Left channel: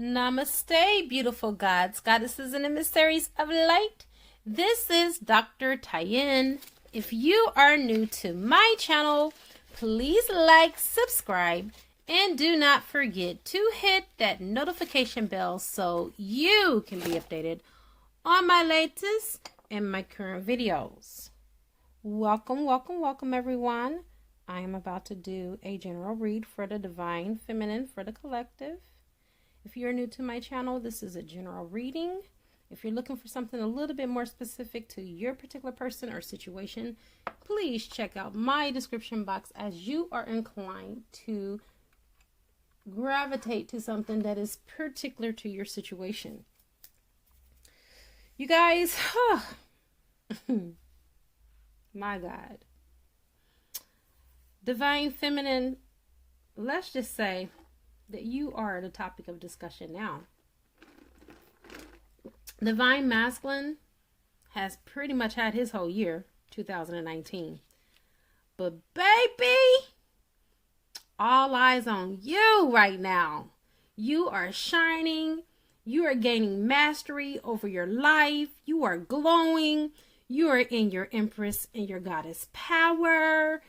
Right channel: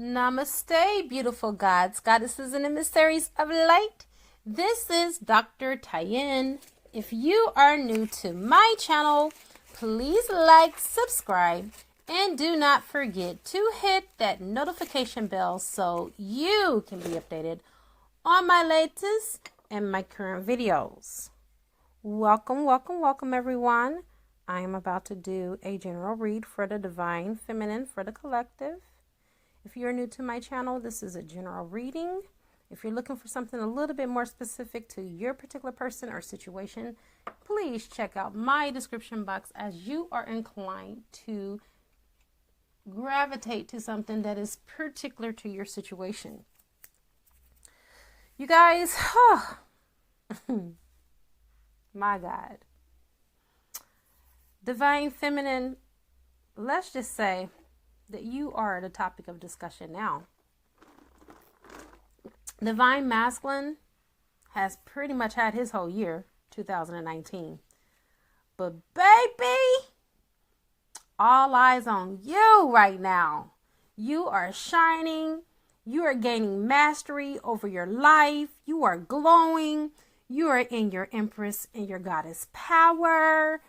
Namaste, beautiful gods, goddesses, and emissaries of light. This is Dr. Tyen. If you are new to my channel, please like, subscribe, and do not forget to hit that notification bell so you can be updated on my latest and my current videos. Welcome, welcome, welcome, everyone. I am about to do a general read for the divine feminine for the collective. If you're new to my channel, this is a general reading. If you're looking for something a little bit more specific to your particular person or situation, please check out my description box as you are inclined to gravitate to something that is particular to your situation. You guys, my God. Divine feminine, let's just say that you are the topic of discussion now. Divine masculine has pretty much had his whole year, 2019. But baby, all eyes on you right now. You are shining. You are gaining mastery over your life. You are glowing. You are in your empress and your goddess power.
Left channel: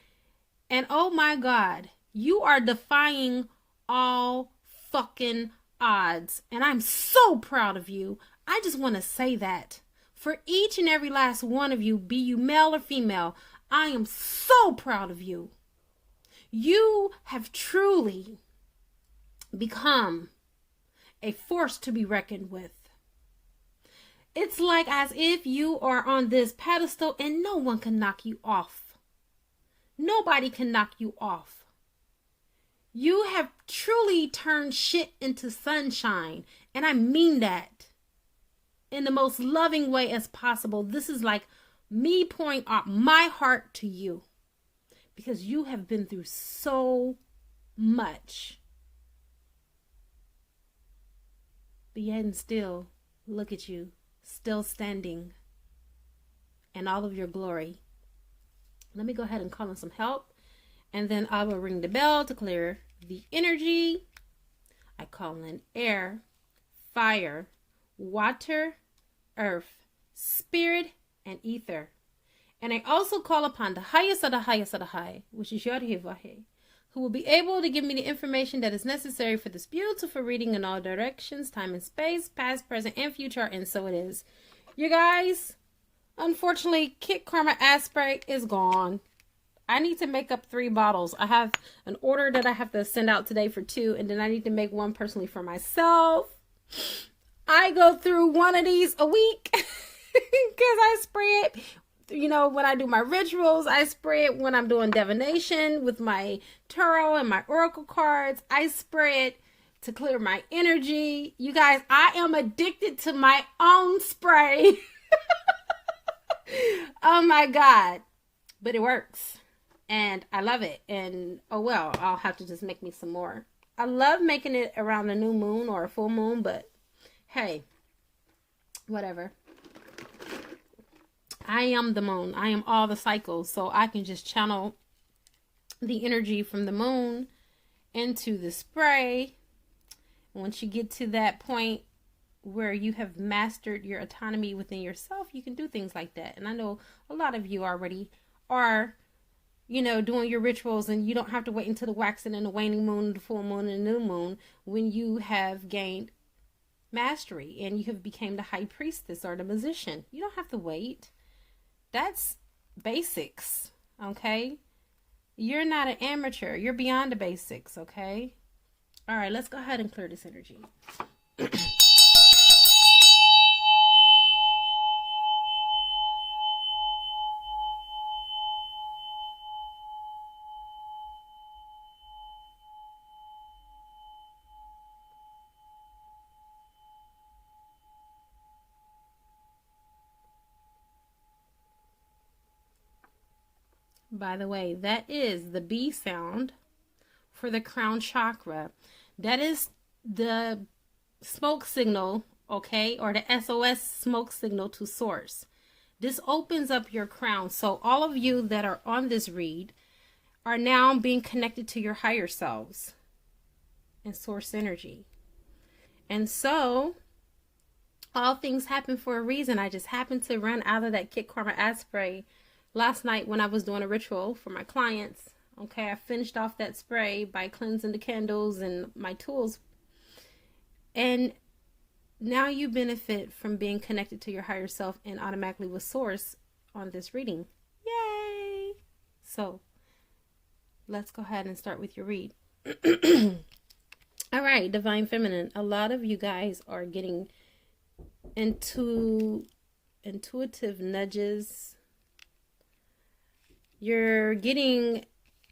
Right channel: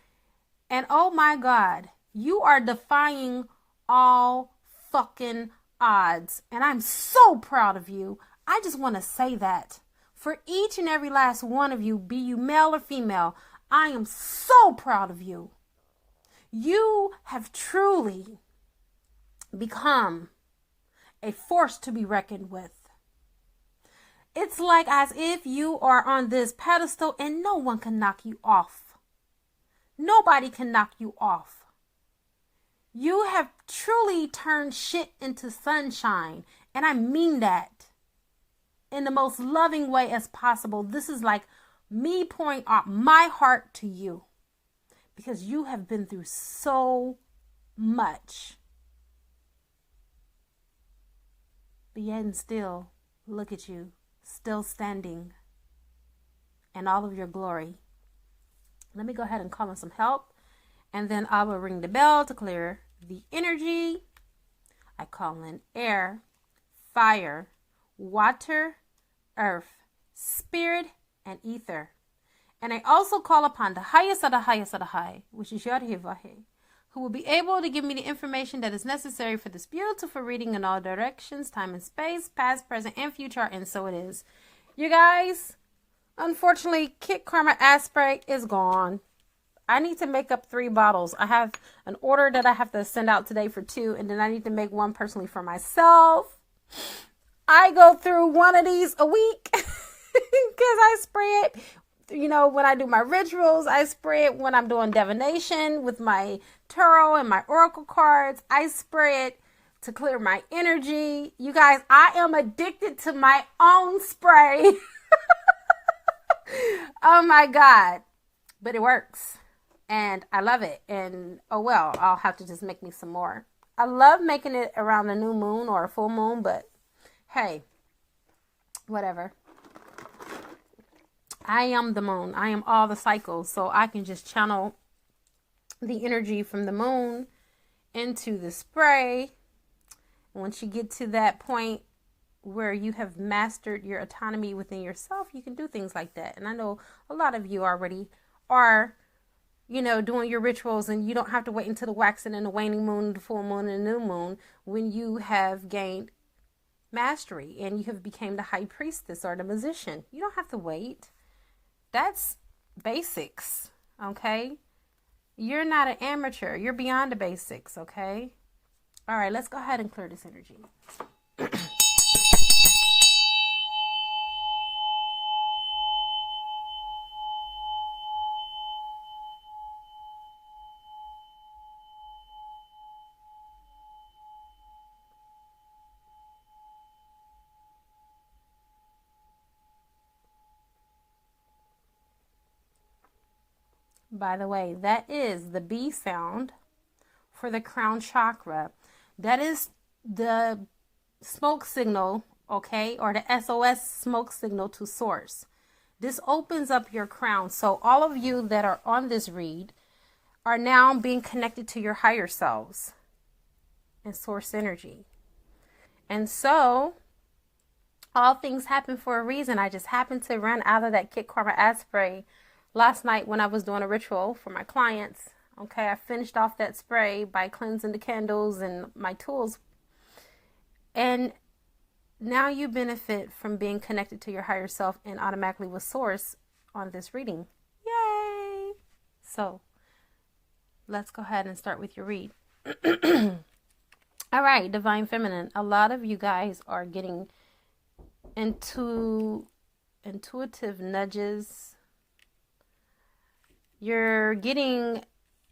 And oh my God, you are defying all fucking odds. And I'm so proud of you. I just want to say that for each and every last one of you, be you male or female, I am so proud of you. You have truly become a force to be reckoned with. It's like as if you are on this pedestal and no one can knock you off. Nobody can knock you off. You have truly turned shit into sunshine. And I mean that in the most loving way as possible. This is like me pouring out my heart to you. Because you have been through so much. But yet and still, look at you. Still standing. In all of your glory. Let me go ahead and call in some help. And then I will ring the bell to clear the energy. I call in air, fire, water, earth, spirit, and ether. And I also call upon the highest of the highest of the high, which is Yod-Heh-Vah-Heh, who will be able to give me the information that is necessary for this beautiful reading in all directions, time and space, past, present, and future. And so it is. You guys, unfortunately, Kit Karma Aspray is gone. I need to make up 3 bottles. I have an order that I have to send out today for 2, and then I need to make 1 personally for myself. I go through 1 of these a week because I spray it. You know, when I do my rituals, I spray it when I'm doing divination with my tarot and my oracle cards. I spray it to clear my energy. You guys, I am addicted to my own spray. Oh my God. But it works. And I love it. And oh well, I'll have to just make me some more. I love making it around a new moon or a full moon, but hey, whatever. I am the moon. I am all the cycles. So I can just channel the energy from the moon into the spray. Once you get to that point where you have mastered your autonomy within yourself, you can do things like that. And I know a lot of you already are, you know, doing your rituals, and you don't have to wait until the waxing and the waning moon, the full moon and the new moon when you have gained mastery and you have become the high priestess or the musician. You don't have to wait. That's basics, okay? You're not an amateur. You're beyond the basics, okay? All right, let's go ahead and clear this energy. By the way, that is the B sound for the crown chakra. That is the smoke signal, okay, or the SOS smoke signal to source. This opens up your crown. So all of you that are on this read are now being connected to your higher selves and source energy. And so all things happen for a reason. I just happened to run out of that Kit Karma ad spray last night when I was doing a ritual for my clients. Okay, I finished off that spray by cleansing the candles and my tools. And now you benefit from being connected to your higher self and automatically with source on this reading. Yay! So let's go ahead and start with your read. All right, Divine Feminine. A lot of you guys are getting into intuitive nudges. You're getting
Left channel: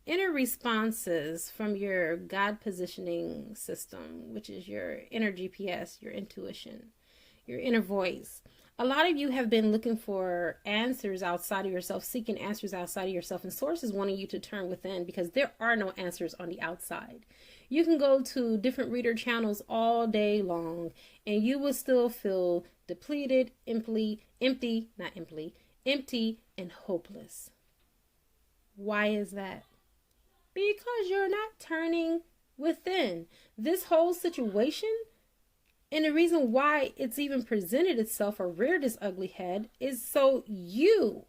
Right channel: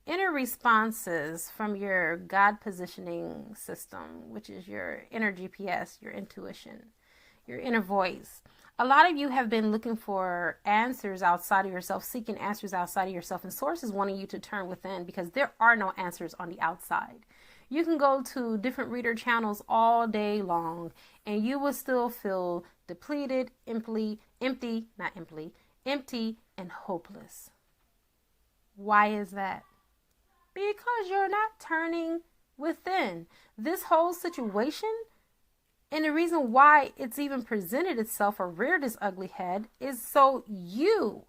inner responses from your God positioning system, which is your inner GPS, your intuition, your inner voice. A lot of you have been looking for answers outside of yourself, seeking answers outside of yourself, and Source is wanting you to turn within because there are no answers on the outside. You can go to different reader channels all day long and you will still feel depleted, empty, and hopeless. Why is that? Because you're not turning within. This whole situation, and the reason why it's even presented itself or reared its ugly head, is so you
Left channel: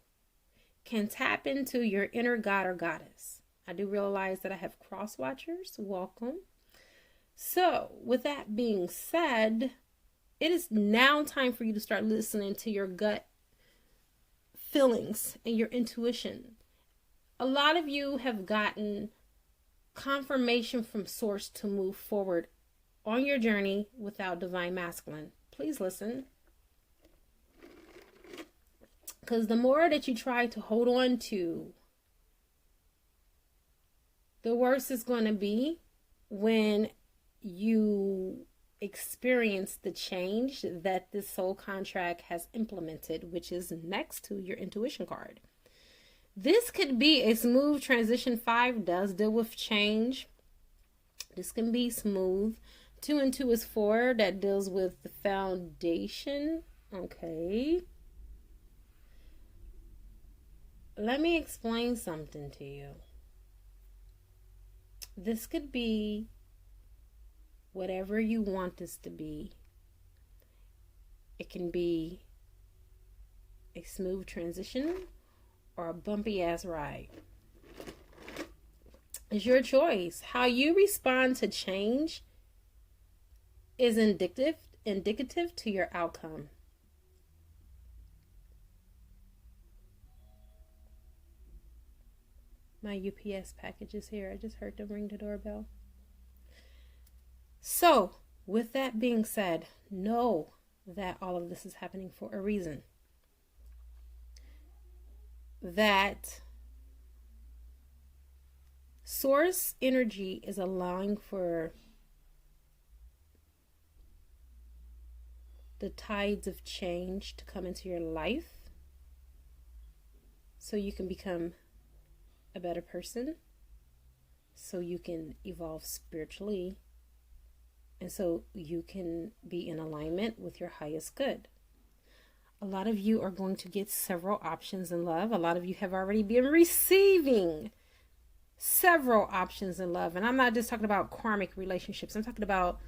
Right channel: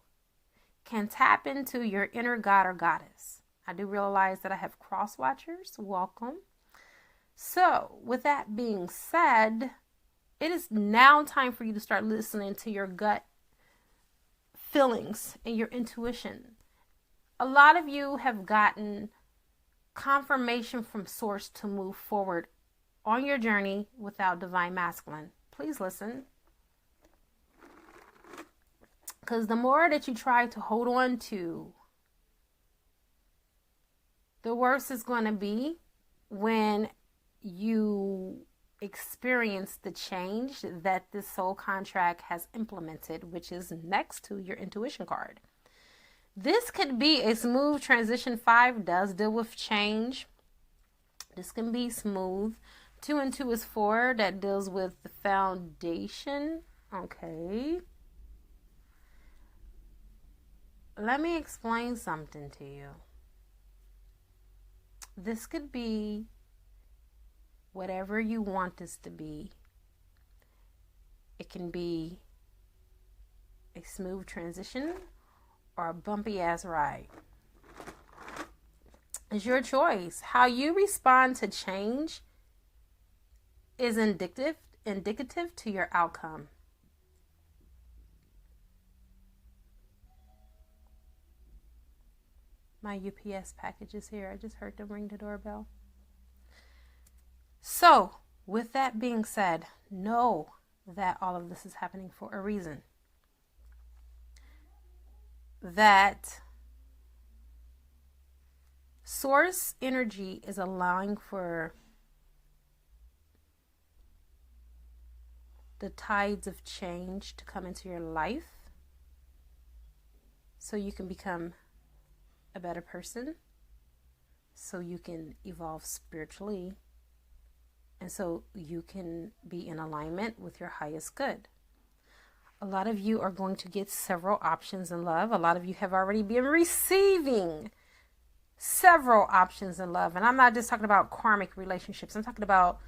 can tap into your inner god or goddess. I do realize that I have cross watchers. Welcome. So with that being said, it is now time for you to start listening to your gut feelings and your intuition. A lot of you have gotten confirmation from Source to move forward on your journey without Divine Masculine. Please listen. Because the more that you try to hold on to, the worse it's going to be when you experience the change that this soul contract has implemented, which is next to your intuition card. This could be a smooth transition. 5 does deal with change. This can be smooth. 2 and 2 is 4 that deals with the foundation. Okay. Let me explain something to you. This could be whatever you want this to be. It can be a smooth transition or a bumpy ass ride. It's your choice. How you respond to change is indicative to your outcome. My UPS package is here. I just heard them ring the doorbell. So, with that being said, know that all of this is happening for a reason. That Source energy is allowing for the tides of change to come into your life so you can become a better person, so you can evolve spiritually, and so you can be in alignment with your highest good. A lot of you are going to get several options in love. A lot of you have already been receiving several options in love. And I'm not just talking about karmic relationships. I'm talking about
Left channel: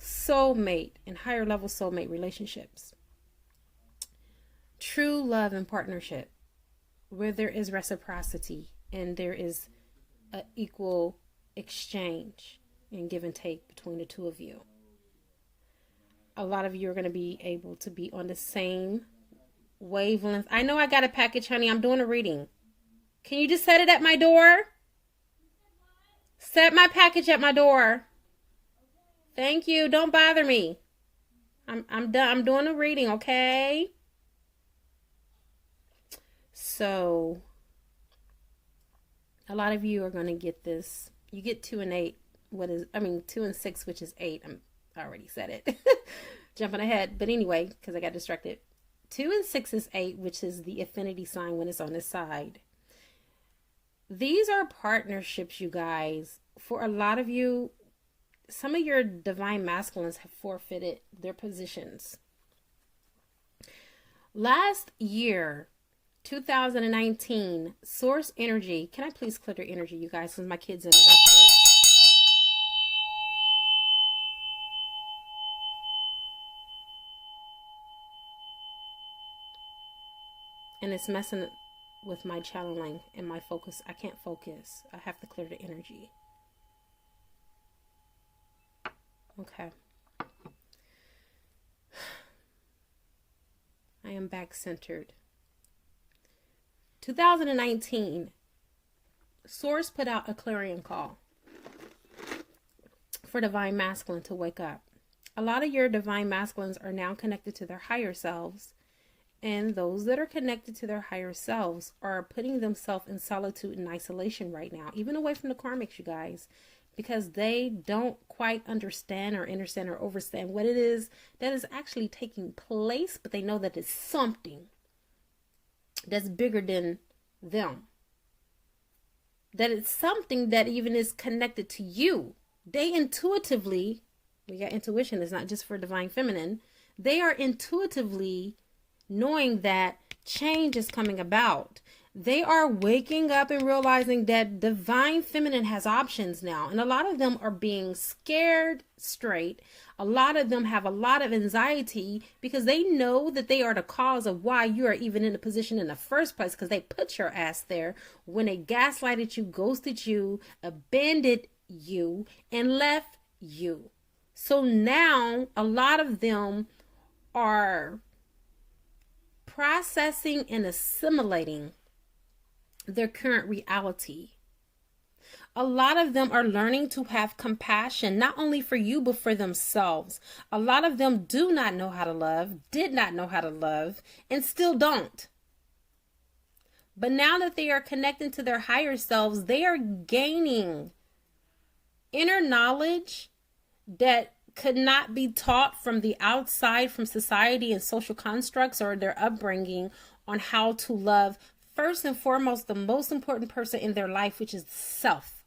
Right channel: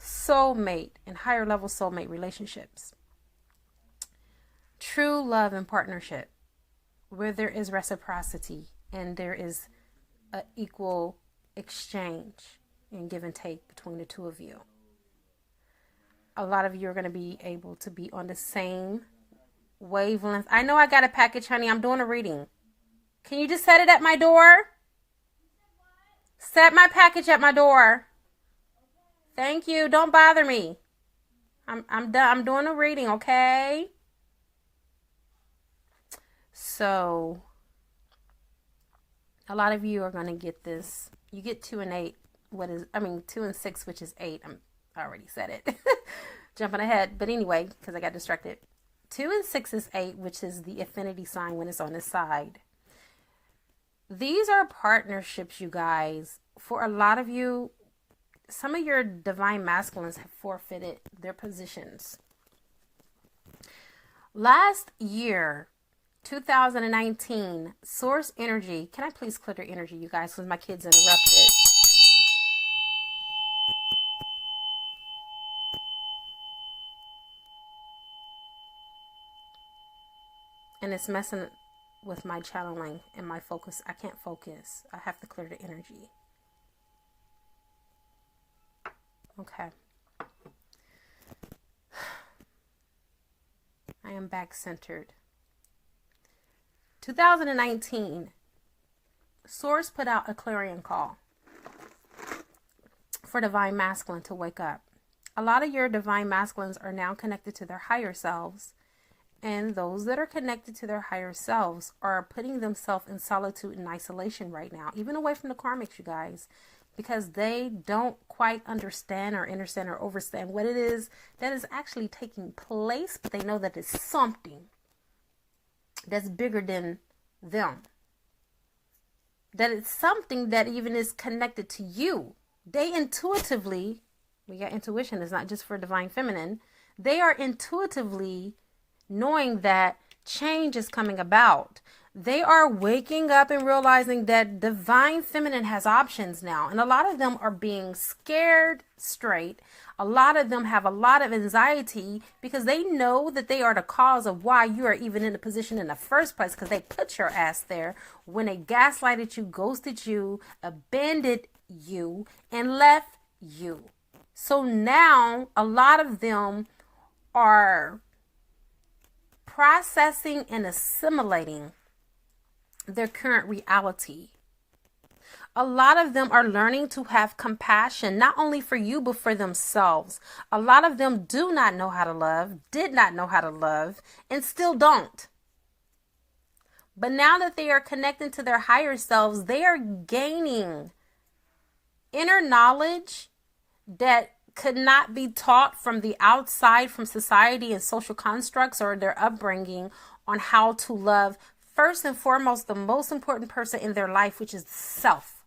soulmate and higher level soulmate relationships. True love and partnership where there is reciprocity and there is an equal exchange and give and take between the two of you. A lot of you are going to be able to be on the same wavelength. I know I got a package, honey. I'm doing a reading. Can you just set it at my door? Set my package at my door. Thank you. Don't bother me. I'm done. I'm doing a reading, okay? So, a lot of you are going to get this. You get 2 and 8. 2 and 6, which is 8. I already said it. Jumping ahead. But anyway, because I got distracted. 2 and 6 is 8, which is the affinity sign when it's on this side. These are partnerships, you guys. For a lot of you, some of your divine masculines have forfeited their positions. Last year, 2019, Source energy. Can I please clear their energy, you guys, because my kids interrupted. And it's messing with my channeling and my focus. I can't focus. I have to clear the energy. Okay. I am back centered. 2019, Source put out a clarion call for divine masculine to wake up. A lot of your divine masculines are now connected to their higher selves. And those that are connected to their higher selves are putting themselves in solitude and isolation right now, even away from the karmics, you guys, because they don't quite understand or understand what it is that is actually taking place, but they know that it's something that's bigger than them. That it's something that even is connected to you. They intuitively, we got intuition, it's not just for divine feminine. They are intuitively knowing that change is coming about. They are waking up and realizing that divine feminine has options now. And a lot of them are being scared straight. A lot of them have a lot of anxiety because they know that they are the cause of why you are even in the position in the first place, because they put your ass there when they gaslighted you, ghosted you, abandoned you, and left you. So now a lot of them are processing and assimilating their current reality. A lot of them are learning to have compassion, not only for you, but for themselves. A lot of them do not know how to love, did not know how to love, and still don't. But now that they are connecting to their higher selves, they are gaining inner knowledge that could not be taught from the outside, from society and social constructs or their upbringing, on how to love first and foremost the most important person in their life, which is self.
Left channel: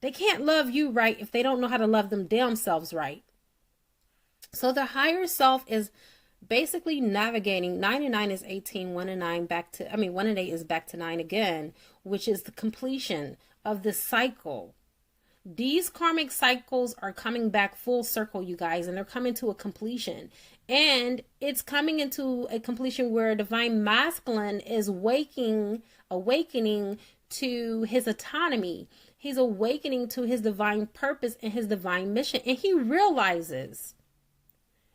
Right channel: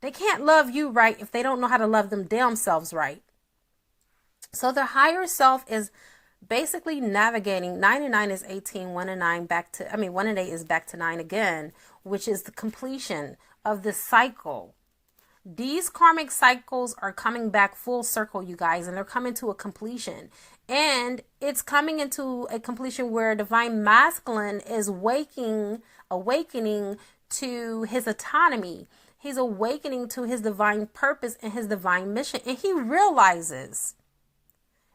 They can't love you right if they don't know how to love them damn selves right. So their higher self is basically navigating. 9 and 9 is 18, 1 and 9 1 and 8 is back to 9 again, which is the completion of the cycle. These karmic cycles are coming back full circle, you guys, and they're coming to a completion. And it's coming into a completion where divine masculine is awakening to his autonomy. He's awakening to his divine purpose and his divine mission. And he realizes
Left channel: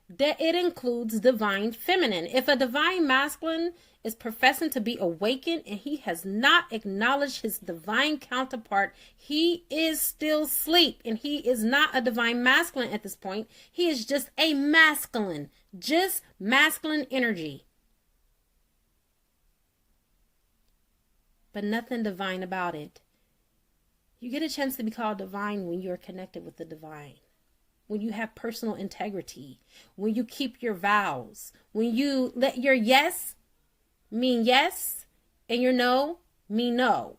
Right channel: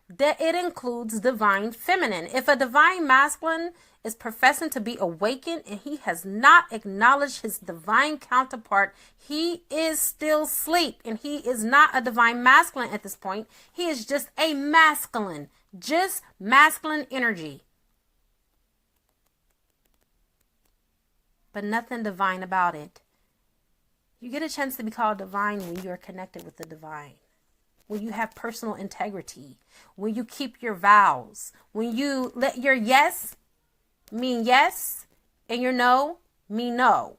that it includes divine feminine. If a divine masculine is professing to be awakened and he has not acknowledged his divine counterpart, he is still asleep, and he is not a divine masculine at this point. He is just a masculine, just masculine energy, but nothing divine about it. You get a chance to be called divine when you're connected with the divine. When you have personal integrity, when you keep your vows, when you let your yes mean yes and your no mean no.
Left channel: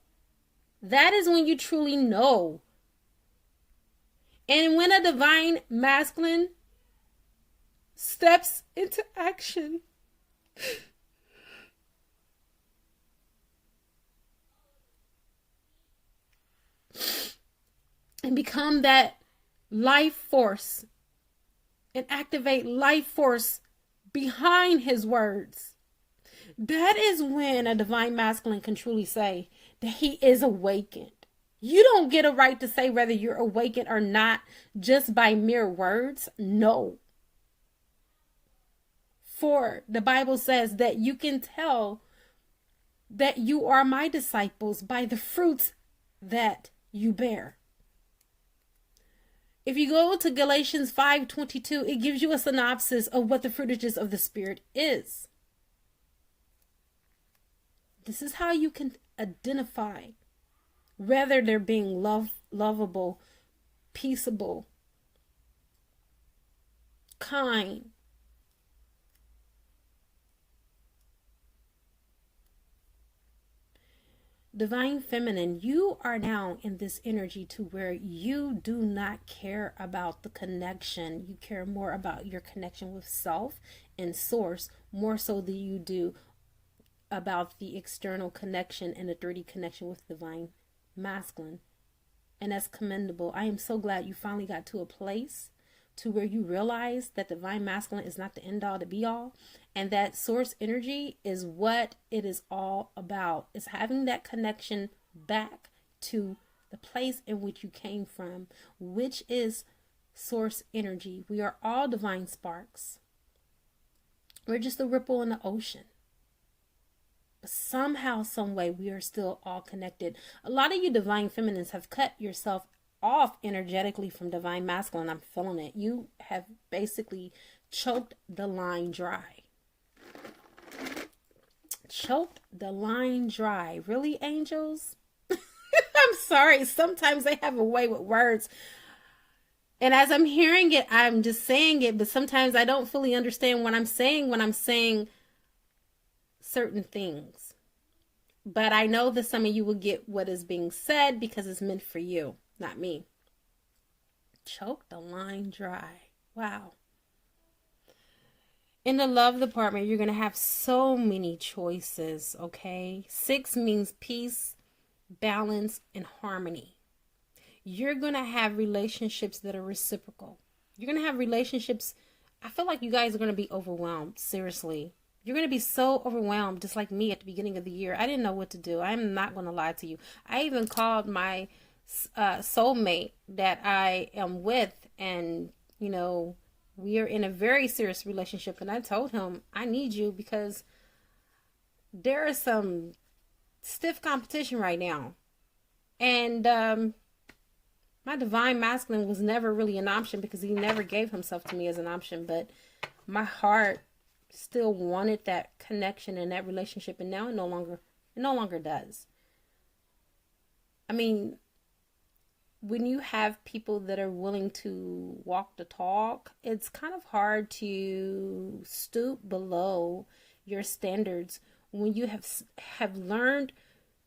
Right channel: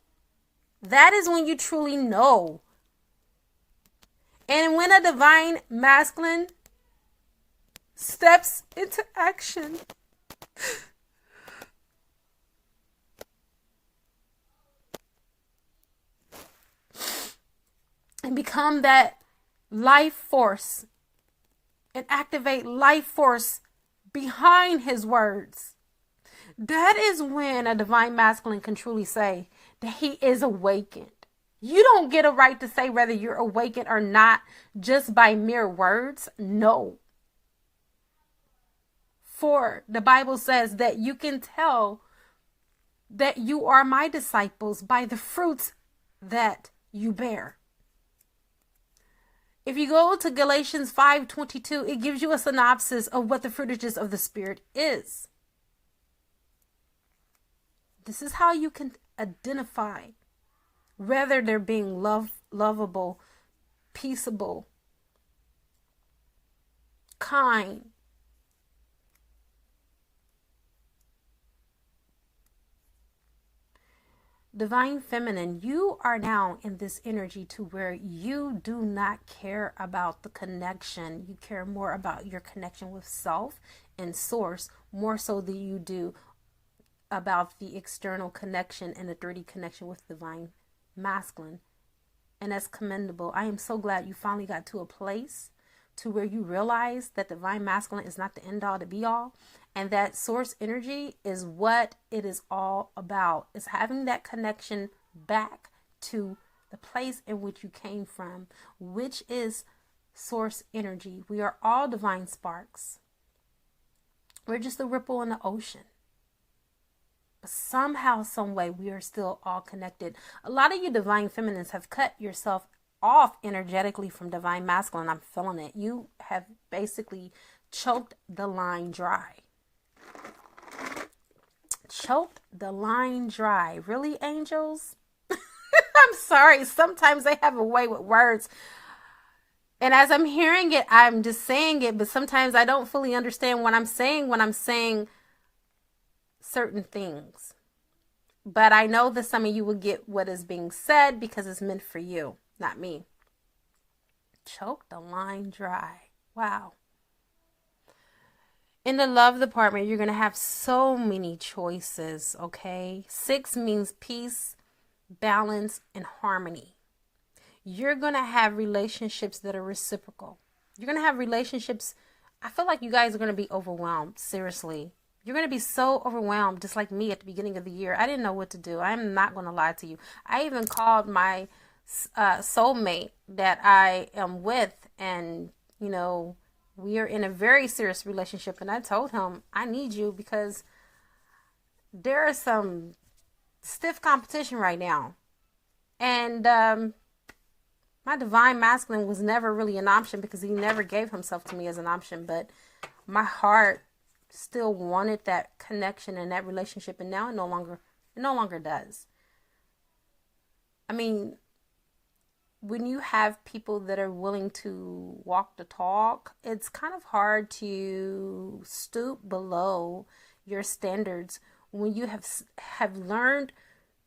That is when you truly know. And when a divine masculine steps into action, and become that life force and activate life force behind his words, that is when a divine masculine can truly say that he is awakened. You don't get a right to say whether you're awakened or not just by mere words. No. For the Bible says that you can tell that you are my disciples by the fruits that you bear. If you go to Galatians 5:22, it gives you a synopsis of what the fruitages of the Spirit is. This is how you can identify whether they're being lovable, peaceable, kind, divine feminine. You are now in this energy to where you do not care about the connection. You care more about your connection with self and source, more so than you do about the external connection and the 3D connection with divine masculine. And that's commendable. I am so glad you finally got to a place to where you realize that divine masculine is not the end all to be all, And that source energy is what it is all about. It's having that connection back to the place in which you came from, which is source energy. We are all divine sparks. We're just a ripple in the ocean. But somehow, some way, we are still all connected. A lot of you divine feminines have cut yourself off energetically from divine masculine. I'm feeling it. You have basically choked the line dry. Choked the line dry. Really, angels? I'm sorry. Sometimes they have a way with words. And as I'm hearing it, I'm just saying it. But sometimes I don't fully understand what I'm saying when I'm saying certain things. But I know that some of you will get what is being said because it's meant for you, not me. Choke the line dry. Wow. In the love department, you're going to have so many choices, okay? 6 means peace, balance, and harmony. You're going to have relationships that are reciprocal. You're going to have relationships. I feel like you guys are going to be overwhelmed. Seriously. You're going to be so overwhelmed, just like me at the beginning of the year. I didn't know what to do. I'm not going to lie to you. I even called my soulmate that I am with, and, you know, we are in a very serious relationship. And I told him, I need you because there is some stiff competition right now. And my divine masculine was never really an option because he never gave himself to me as an option. But my heart still wanted that connection and that relationship. And now it no longer does. I mean, when you have people that are willing to walk the talk, it's kind of hard to stoop below your standards when you have learned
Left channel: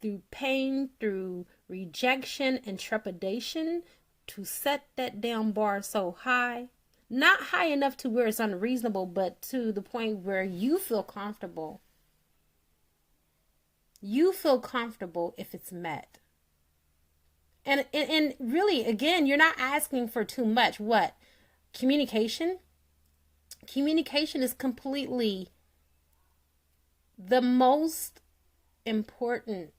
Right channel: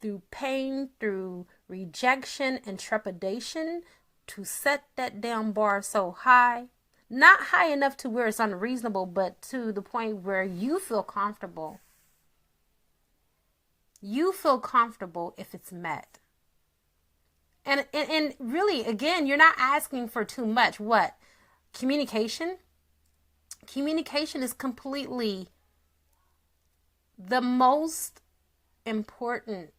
through pain, through rejection and trepidation to set that damn bar so high. Not high enough to where it's unreasonable, but to the point where you feel comfortable. You feel comfortable if it's met. And really, again, you're not asking for too much. What? Communication? Communication is completely the most important,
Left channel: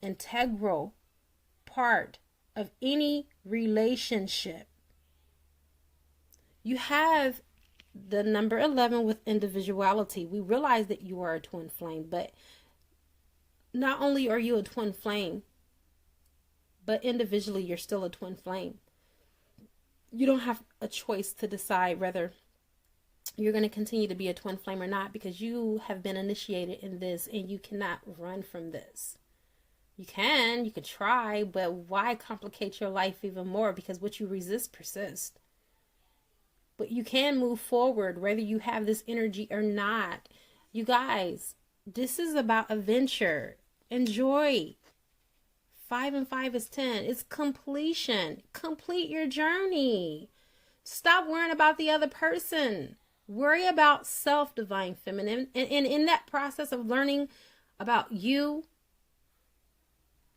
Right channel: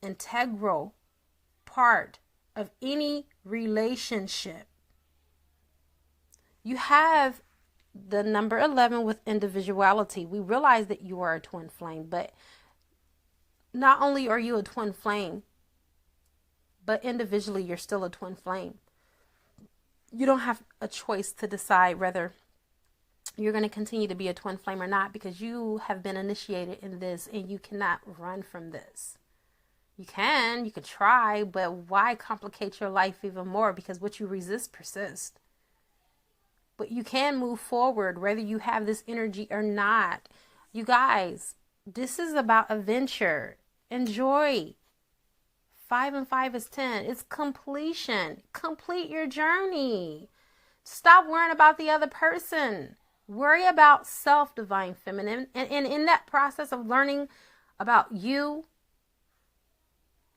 integral part of any relationship. You have the number 11 with individuality. We realize that you are a twin flame, but not only are you a twin flame, but individually, you're still a twin flame. You don't have a choice to decide whether you're going to continue to be a twin flame or not, because you have been initiated in this and you cannot run from this. You could try, but why complicate your life even more? Because what you resist persists. But you can move forward whether you have this energy or not. You guys, this is about adventure. Enjoy. 5 and 5 is 10. It's completion. Complete your journey. Stop worrying about the other person. Worry about self, divine feminine. And in that process of learning about you,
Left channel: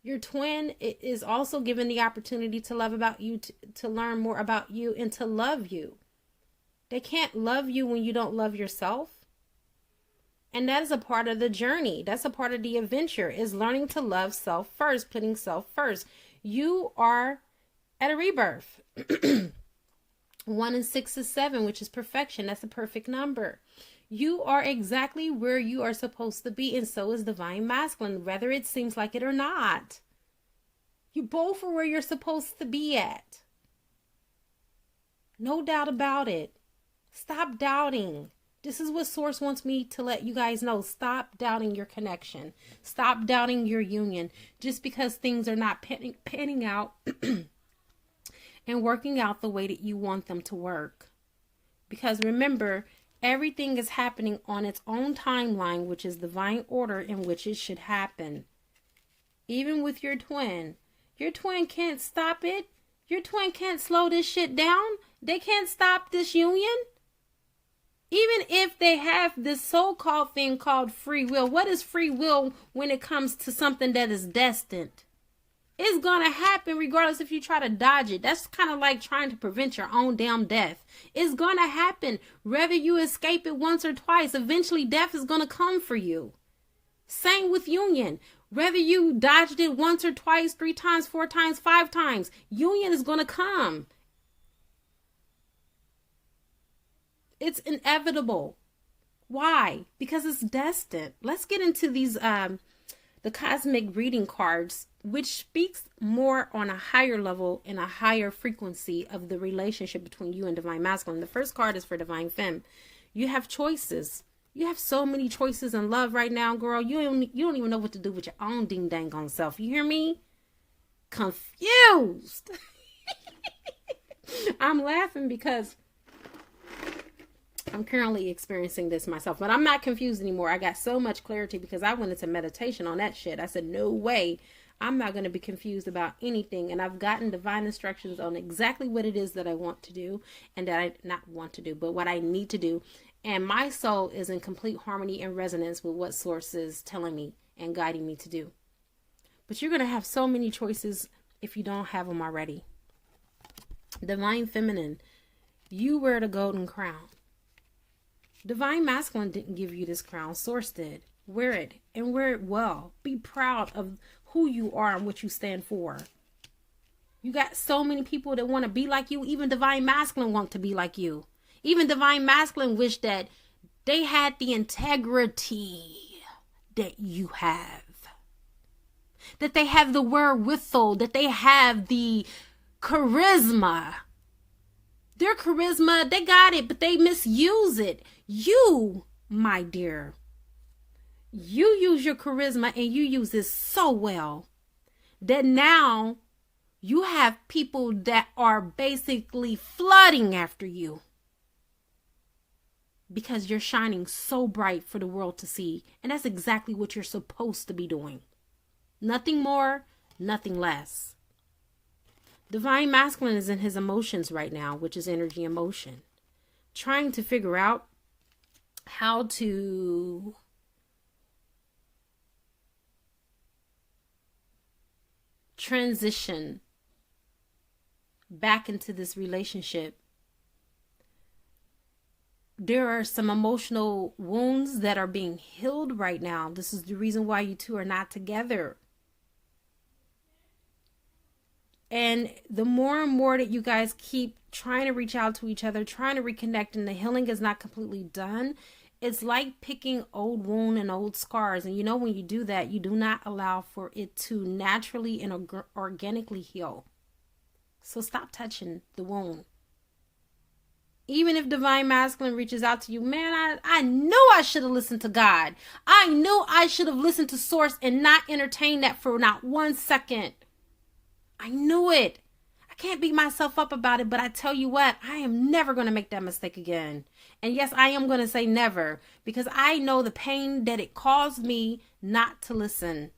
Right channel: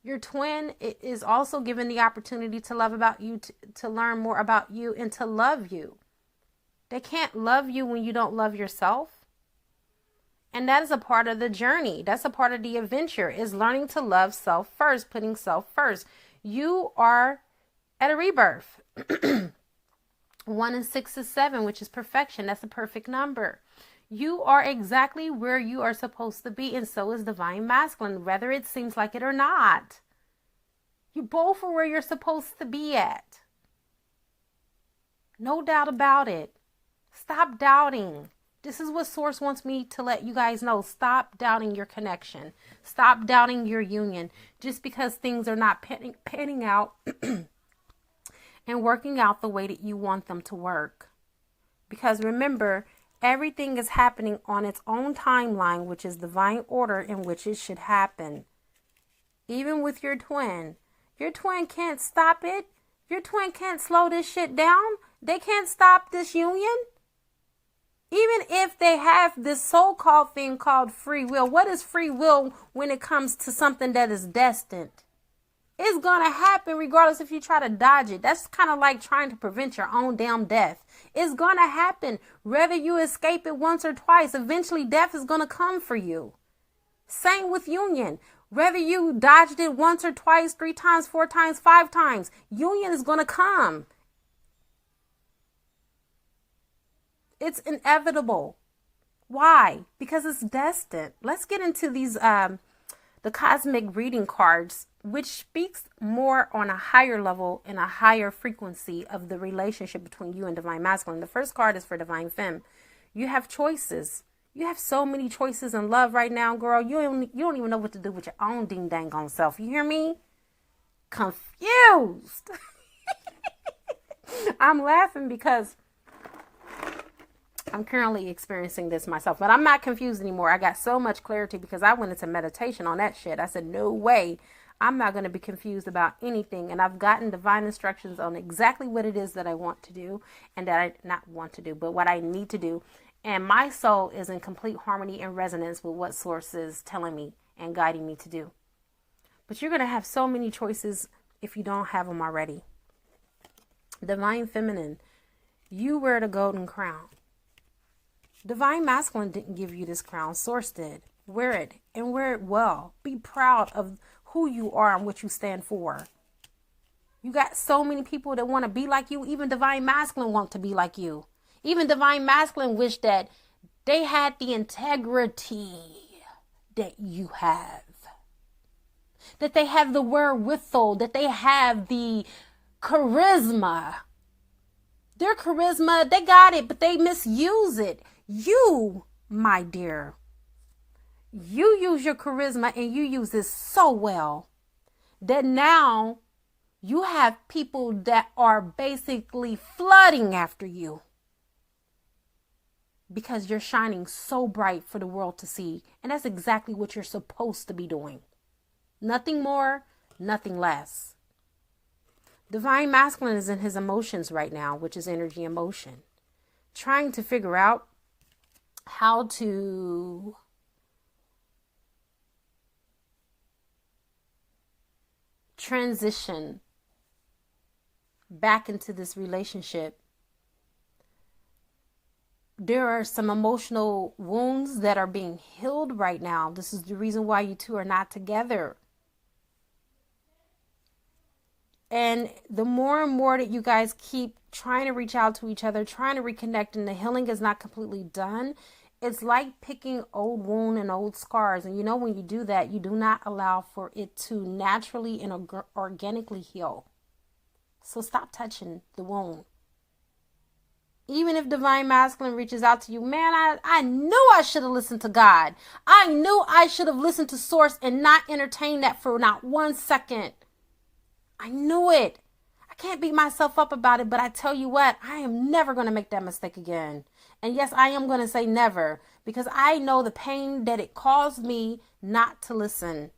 your twin is also given the opportunity to love about you, to learn more about you, and to love you. They can't love you when you don't love yourself. And that is a part of the journey. That's a part of the adventure, is learning to love self first, putting self first. You are at a rebirth. 1 and 6 is 7, which is perfection. That's a perfect number. You are exactly where you are supposed to be, and so is divine masculine, whether it seems like it or not. You both are where you're supposed to be at. No doubt about it. Stop doubting. This is what Source wants me to let you guys know. Stop doubting your connection. Stop doubting your union. Just because things are not panning out and working out the way that you want them to work. Because remember, everything is happening on its own timeline, which is divine order in which it should happen. Even with your twin can't stop it. Your twin can't slow this shit down. They can't stop this union. Even if they have this so-called thing called free will. What is free will when it comes to something that is destined? It's going to happen regardless if you try to dodge it. That's kind of like trying to prevent your own damn death. It's going to happen. Whether you escape it once or twice, eventually death is going to come for you. Same with union. Whether you dodged it once or twice, 3 times, 4 times, 5 times, union is going to come. It's inevitable. Why? Because it's destined. Let's get into these, the cosmic reading cards, which speaks more on a higher level and a higher frequency of the relationship between you and Divine Masculine. The first card is for Divine Femme. You have choices. You have so many choices in love right now, girl. You don't even know what to do with your own ding dang on self. You hear me? Confused. I'm laughing because I'm currently experiencing this myself, but I'm not confused anymore. I got so much clarity because I went into meditation on that shit. I said, no way. I'm not going to be confused about anything. And I've gotten divine instructions on exactly what it is that I want to do and that I not want to do, but what I need to do. And my soul is in complete harmony and resonance with what source is telling me and guiding me to do. But you're going to have so many choices if you don't have them already. Divine Feminine, you wear the golden crown. Divine Masculine didn't give you this crown. Source did. Wear it and wear it well. Be proud of who you are and what you stand for. You got so many people that want to be like you. Even Divine Masculine want to be like you. Even Divine Masculine wish that they had the integrity that you have. That they have the wherewithal. That they have the charisma. Their charisma, they got it, but they misuse it. You, my dear, you use your charisma and you use this so well that now you have people that are basically flooding after you. Because you're shining so bright for the world to see. And that's exactly what you're supposed to be doing. Nothing more, nothing less. Divine Masculine is in his emotions right now, which is energy and motion. Trying to figure out how to transition back into this relationship. There are some emotional wounds that are being healed right now. This is the reason why you two are not together. And the more and more that you guys keep trying to reach out to each other, trying to reconnect, and the healing is not completely done, it's like picking old wound and old scars. And you know, when you do that, you do not allow for it to naturally and organically heal. So stop touching the wound. Even if Divine Masculine reaches out to you, man, I knew I should have listened to God. I knew I should have listened to Source and not entertained that for not 1 second. I knew it. I can't beat myself up about it, but I tell you what, I am never going to make that mistake again. And yes, I am going to say never, because I know the pain that it caused me not to listen.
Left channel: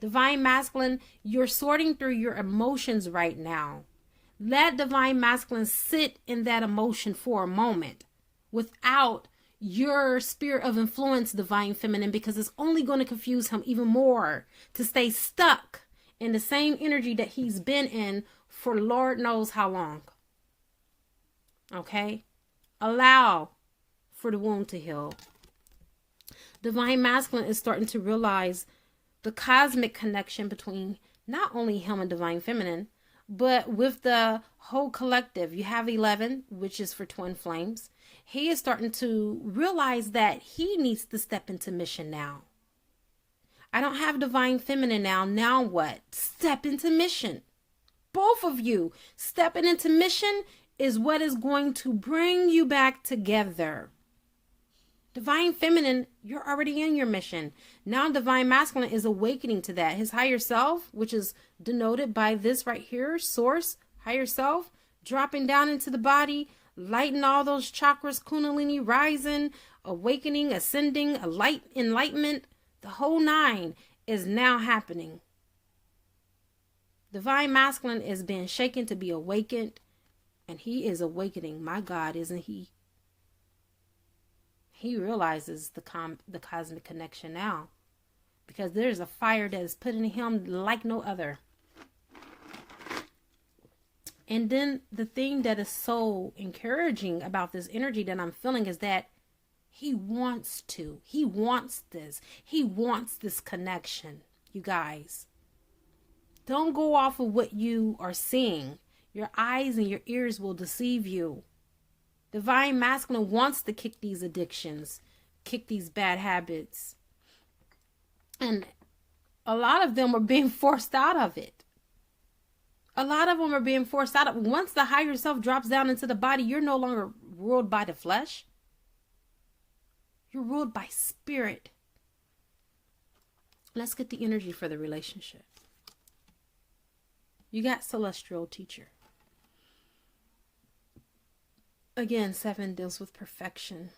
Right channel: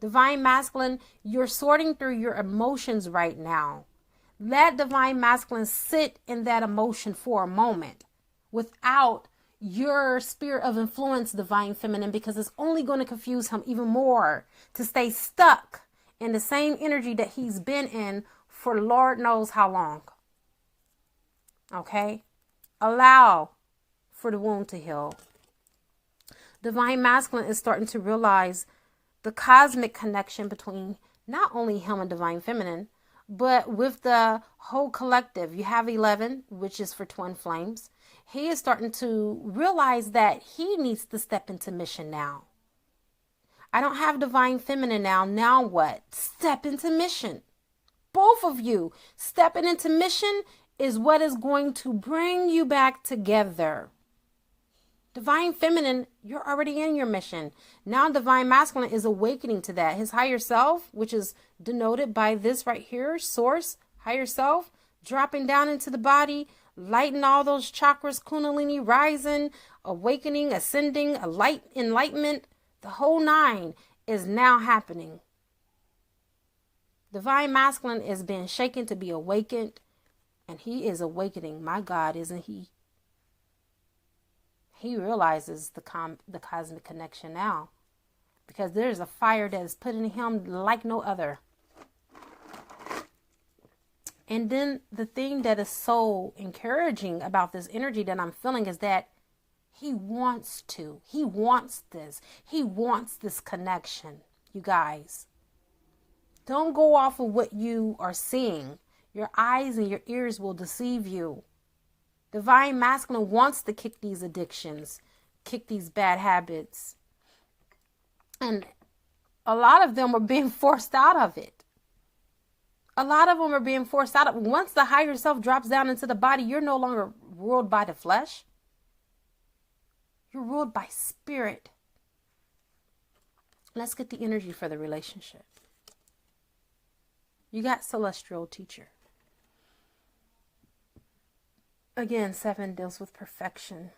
Divine Masculine, you're sorting through your emotions right now. Let Divine Masculine sit in that emotion for a moment without your sphere of influence, Divine Feminine, because it's only going to confuse him even more to stay stuck in the same energy that he's been in for Lord knows how long. Okay? Allow for the wound to heal. Divine Masculine is starting to realize the cosmic connection between not only him and Divine Feminine, but with the whole collective. You have 11, which is for twin flames. He is starting to realize that he needs to step into mission now. I don't have Divine Feminine now. Now what? Step into mission. Both of you stepping into mission is what is going to bring you back together. Divine Feminine, you're already in your mission. Now Divine Masculine is awakening to that. His higher self, which is denoted by this right here, Source, higher self, dropping down into the body, lighting all those chakras, Kundalini, rising, awakening, ascending, a light, enlightenment. The whole 9 is now happening. Divine Masculine is being shaken to be awakened, and he is awakening. My God, isn't he? He realizes the cosmic connection now, because there's a fire that is put in him like no other. And then the thing that is so encouraging about this energy that I'm feeling is that he wants to. He wants this. He wants this connection, you guys. Don't go off of what you are seeing. Your eyes and your ears will deceive you. Divine Masculine wants to kick these addictions, kick these bad habits. And a lot of them are being forced out of it. A lot of them are being forced out of it. Once the higher self drops down into the body, you're no longer ruled by the flesh. You're ruled by spirit. Let's get the energy for the relationship. You got celestial teacher. Again, 7 deals with perfection.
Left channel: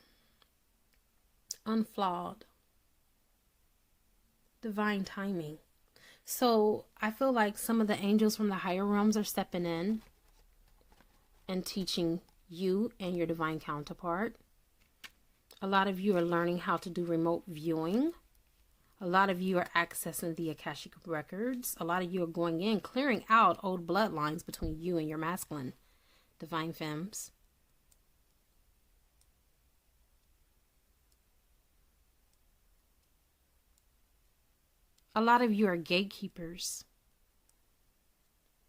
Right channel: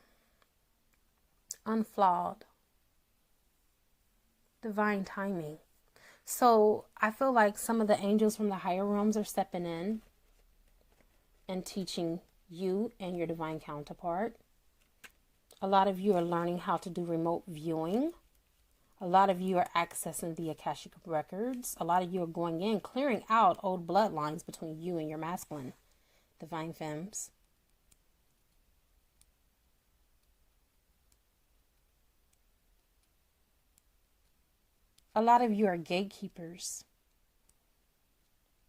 Unflawed. Divine timing. So I feel like some of the angels from the higher realms are stepping in and teaching you and your divine counterpart. A lot of you are learning how to do remote viewing. A lot of you are accessing the Akashic records. A lot of you are going in, clearing out old bloodlines between you and your masculine, divine femmes. A lot of you are gatekeepers.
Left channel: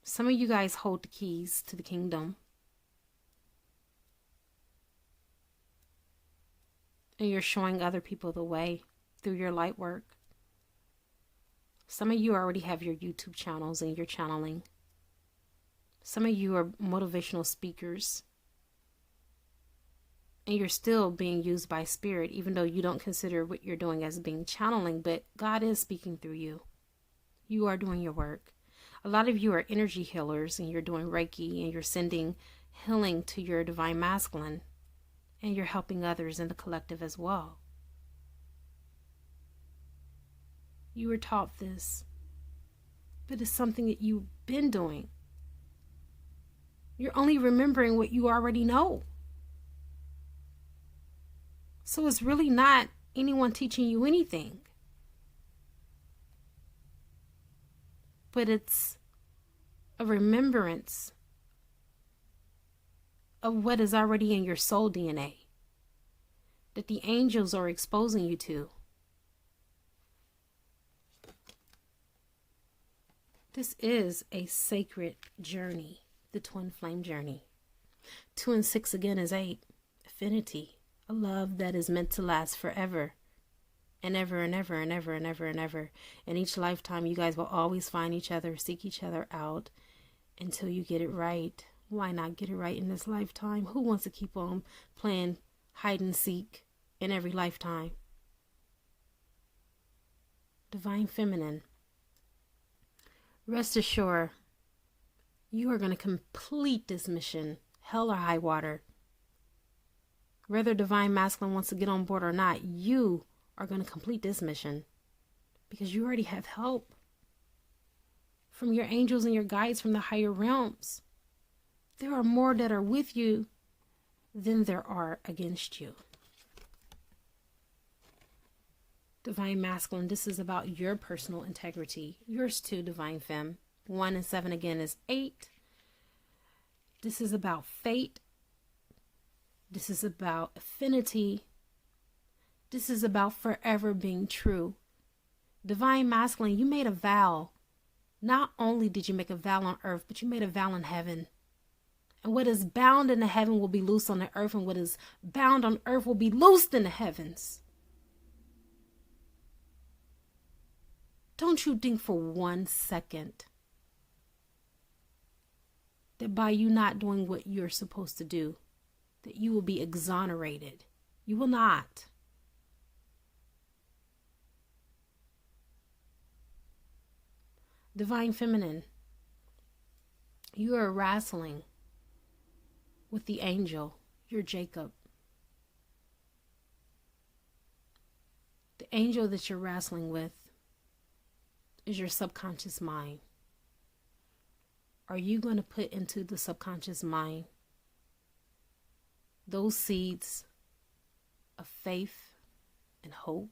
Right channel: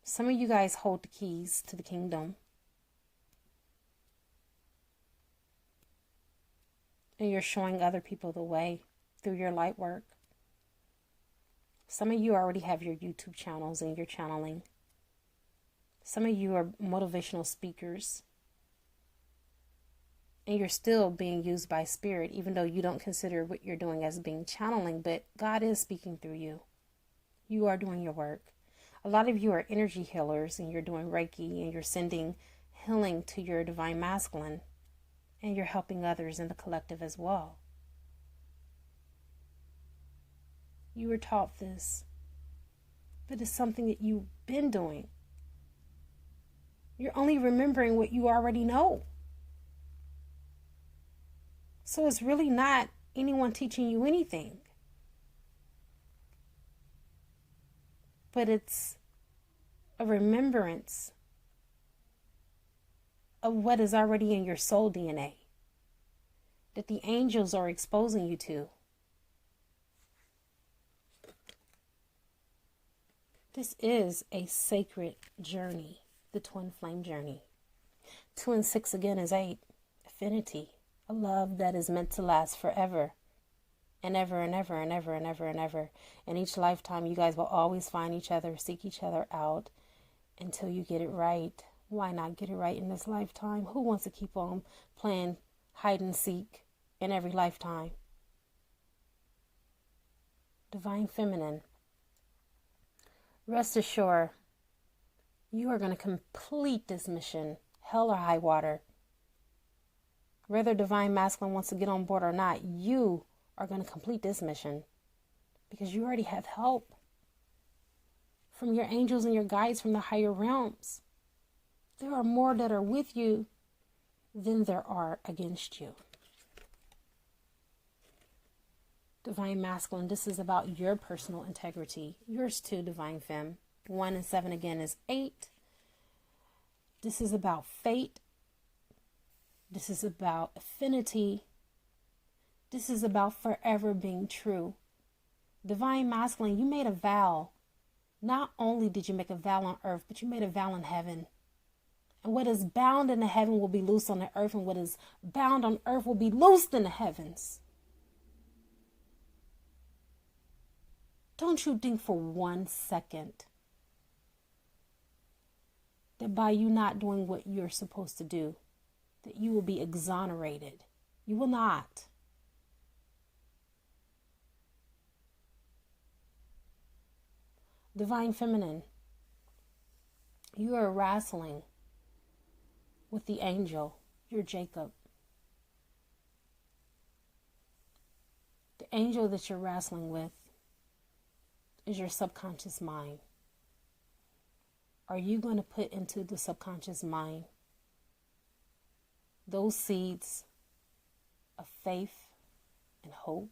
Some of you guys hold the keys to the kingdom. And you're showing other people the way through your light work. Some of you already have your YouTube channels and you're channeling. Some of you are motivational speakers. And you're still being used by spirit, even though you don't consider what you're doing as being channeling, but God is speaking through you. You are doing your work. A lot of you are energy healers and you're doing Reiki and you're sending healing to your divine masculine and you're helping others in the collective as well. You were taught this, but it's something that you've been doing. You're only remembering what you already know. So it's really not anyone teaching you anything. But it's a remembrance of what is already in your soul DNA that the angels are exposing you to. This is a sacred journey, the twin flame journey. 2 and 6 again is 8, affinity. A love that is meant to last forever and ever and ever and ever and ever and ever. In each lifetime, you guys will always find each other, seek each other out until you get it right. Why not get it right in this lifetime? Who wants to keep on playing hide and seek in every lifetime? Divine Feminine. Rest assured, you are going to complete this mission, hell or high water. Whether Divine Masculine wants to get on board or not, you are going to complete this mission because you already have help from your angels and your guides from the higher realms. There are more that are with you than there are against you. Divine Masculine, this is about your personal integrity. Yours too, Divine Femme. 1 and 7 again is 8. This is about fate. This is about affinity. This is about forever being true. Divine Masculine, you made a vow. Not only did you make a vow on earth, but you made a vow in heaven. And what is bound in the heaven will be loosed on the earth, and what is bound on earth will be loosed in the heavens. Don't you think for 1 second that by you not doing what you're supposed to do, that you will be exonerated. You will not. Divine Feminine, you are wrestling with the angel. You're Jacob. The angel that you're wrestling with is your subconscious mind. Are you going to put into the subconscious mind those seeds of faith and hope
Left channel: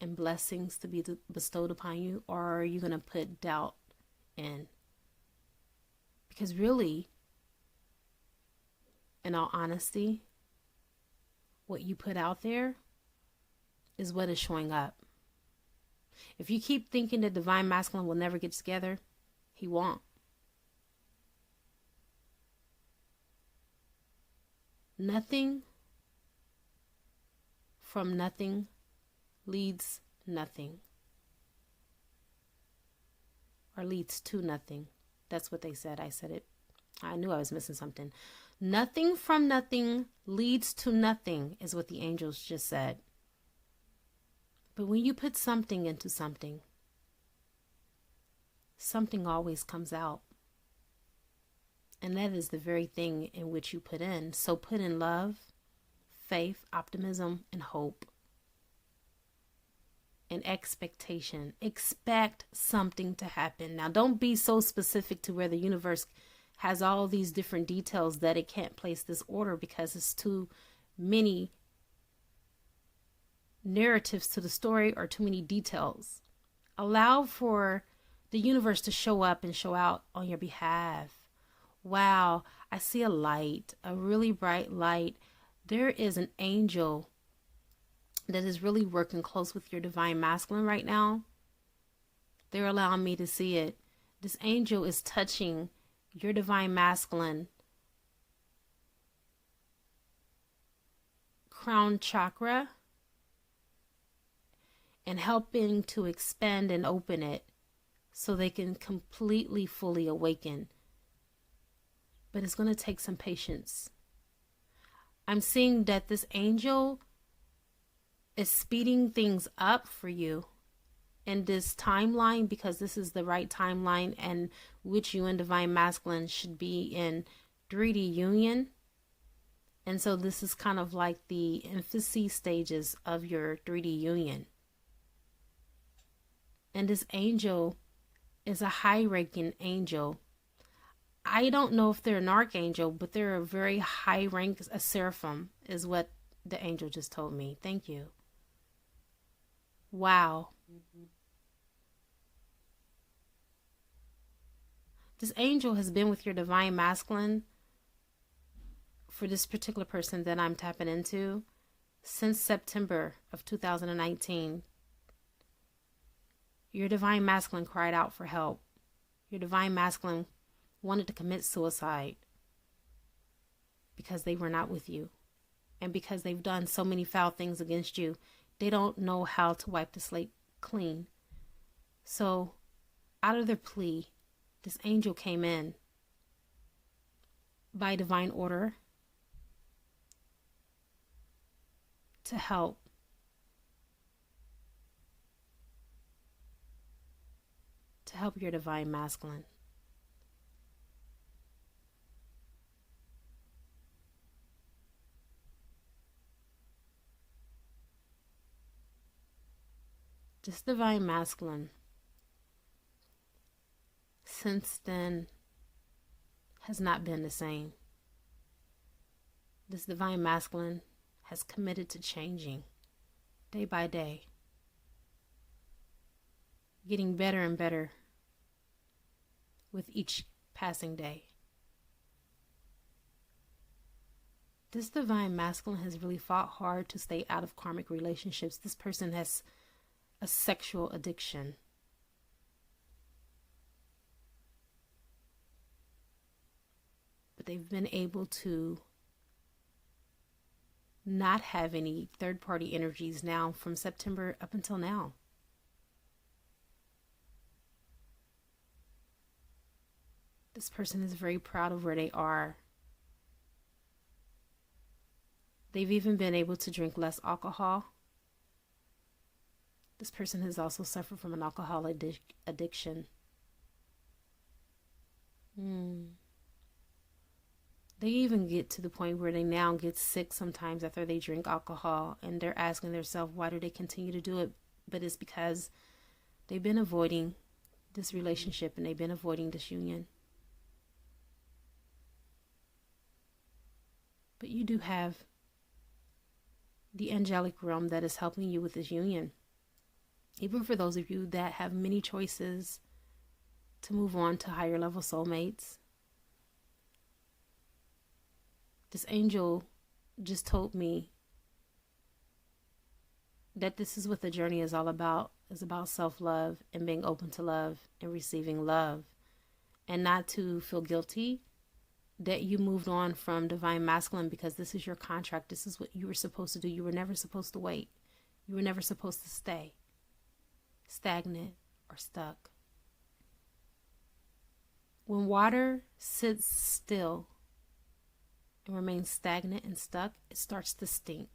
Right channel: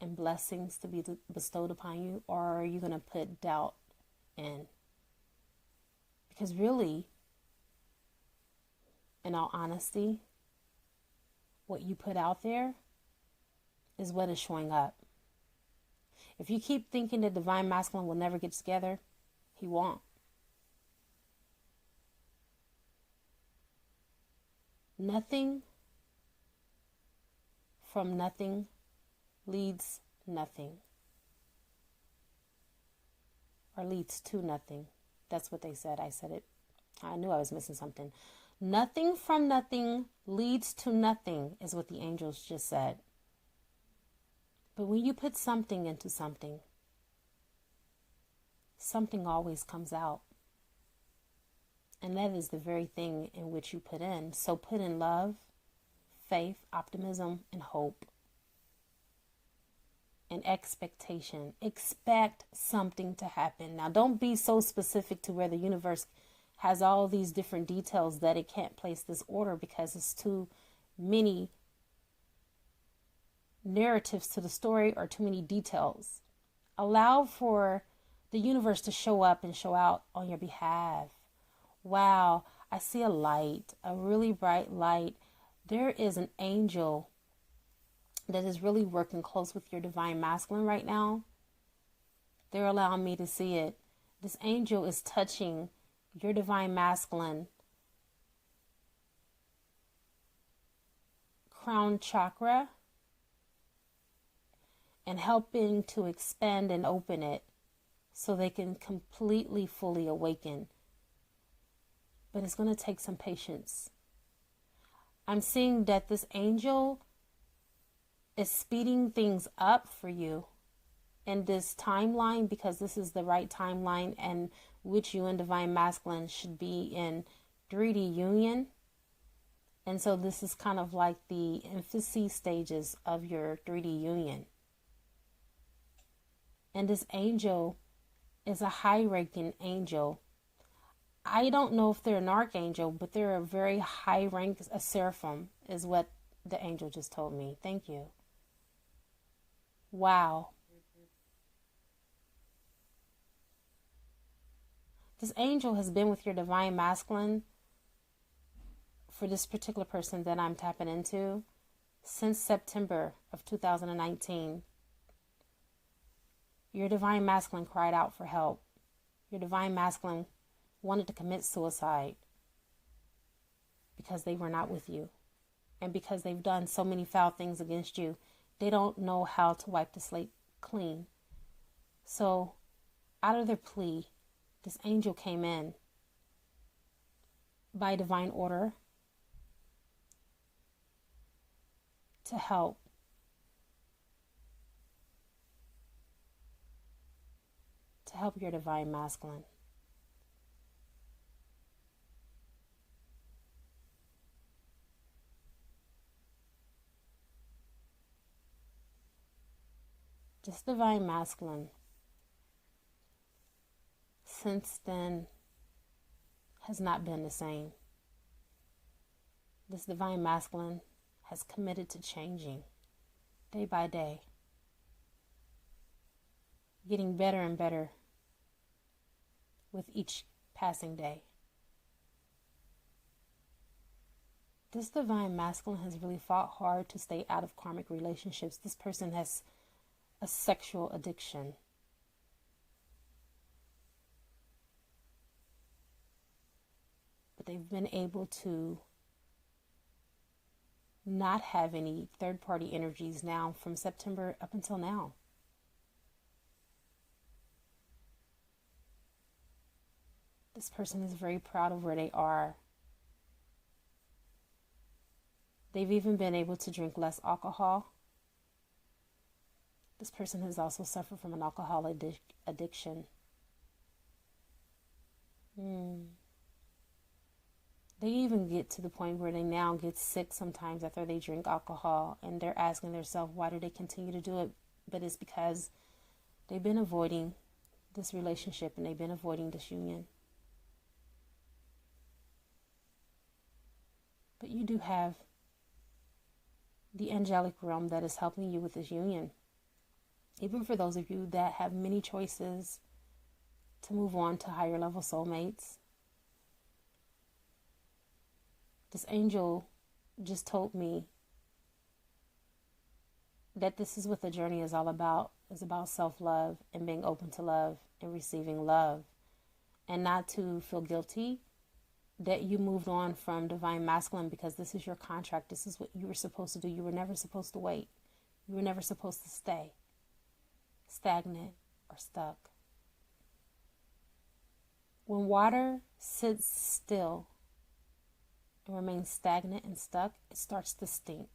and blessings to be bestowed upon you? Or are you going to put doubt in? Because really, in all honesty, what you put out there is what is showing up. If you keep thinking the divine masculine will never get together, he won't. Nothing from nothing leads nothing. Or leads to nothing. That's what they said. I said it. I knew I was missing something. Nothing from nothing leads to nothing is what the angels just said. But when you put something into something, something always comes out. And that is the very thing in which you put in. So put in love, faith, optimism, and hope. And expectation. Expect something to happen. Now, don't be so specific to where the universe has all these different details that it can't place this order because it's too many narratives to the story or too many details. Allow for the universe to show up and show out on your behalf. Wow, I see a light, a really bright light. There is an angel that is really working close with your divine masculine right now. They're allowing me to see it. This angel is touching your divine masculine crown chakra and helping to expand and open it so they can completely, fully awaken. But it's going to take some patience. I'm seeing that this angel is speeding things up for you in this timeline because this is the right timeline and which you and divine masculine should be in 3D union. And so this is kind of like the infancy stages of your 3D union. And this angel is a high-ranking angel. I don't know if they're an archangel, but they're a very high rank, a seraphim is what the angel just told me. Thank you. Wow. This angel has been with your divine masculine for this particular person that I'm tapping into since September of 2019. Your divine masculine cried out for help. Your divine masculine wanted to commit suicide because they were not with you. And because they've done so many foul things against you, they don't know how to wipe the slate clean. So, out of their plea, this angel came in by divine order to help. To help your divine masculine. This divine masculine, since then, has not been the same. This divine masculine has committed to changing day by day, getting better and better with each passing day. This divine masculine has really fought hard to stay out of karmic relationships. This person has a sexual addiction. But they've been able to not have any third-party energies now from September up until now. This person is very proud of where they are. They've even been able to drink less alcohol. This person has also suffered from an alcohol addiction. They even get to the point where they now get sick sometimes after they drink alcohol, and they're asking themselves, why do they continue to do it? But it's because they've been avoiding this relationship and they've been avoiding this union. But you do have the angelic realm that is helping you with this union. Even for those of you that have many choices to move on to higher level soulmates, This angel just told me that this is what the journey is all about. It's about self-love and being open to love and receiving love, and not to feel guilty that you moved on from divine masculine, because this is your contract. This is what you were supposed to do. You were never supposed to wait. You were never supposed to stay stagnant or stuck. When water sits still and remains stagnant and stuck, it starts to stink.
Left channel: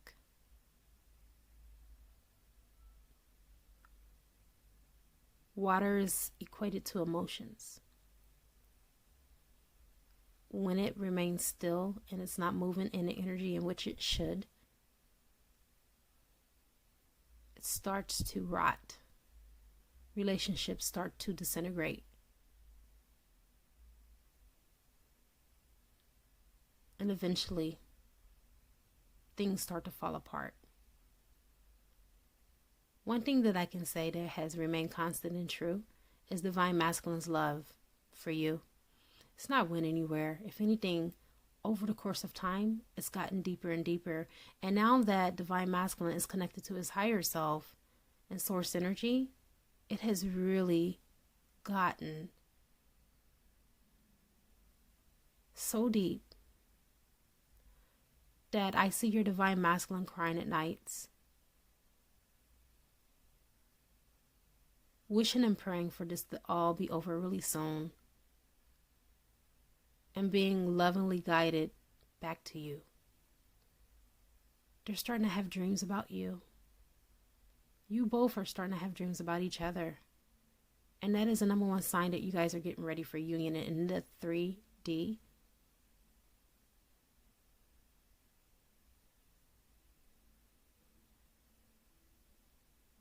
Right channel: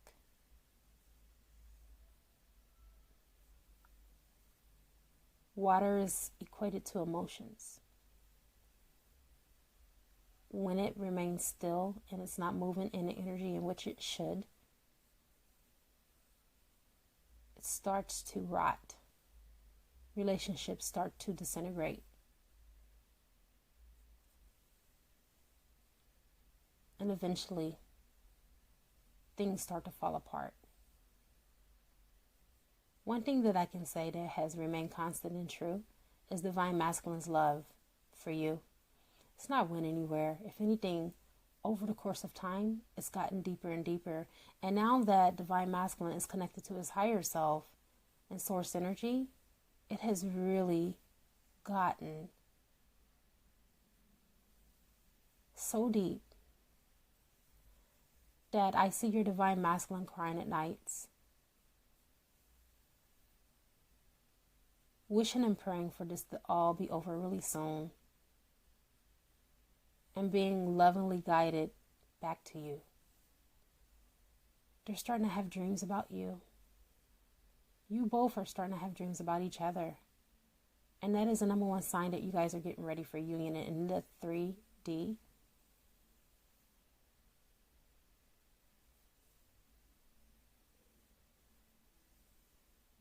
Water is equated to emotions. When it remains still and it's not moving in the energy in which it should, it starts to rot. Relationships start to disintegrate. And eventually, things start to fall apart. One thing that I can say that has remained constant and true is divine masculine's love for you. It's not went anywhere. If anything, over the course of time, it's gotten deeper and deeper. And now that divine masculine is connected to his higher self and source energy, it has really gotten so deep that I see your divine masculine crying at nights, wishing and praying for this to all be over really soon, and being lovingly guided back to you. They're starting to have dreams about you. You both are starting to have dreams about each other. And that is the number one sign that you guys are getting ready for union in the 3D.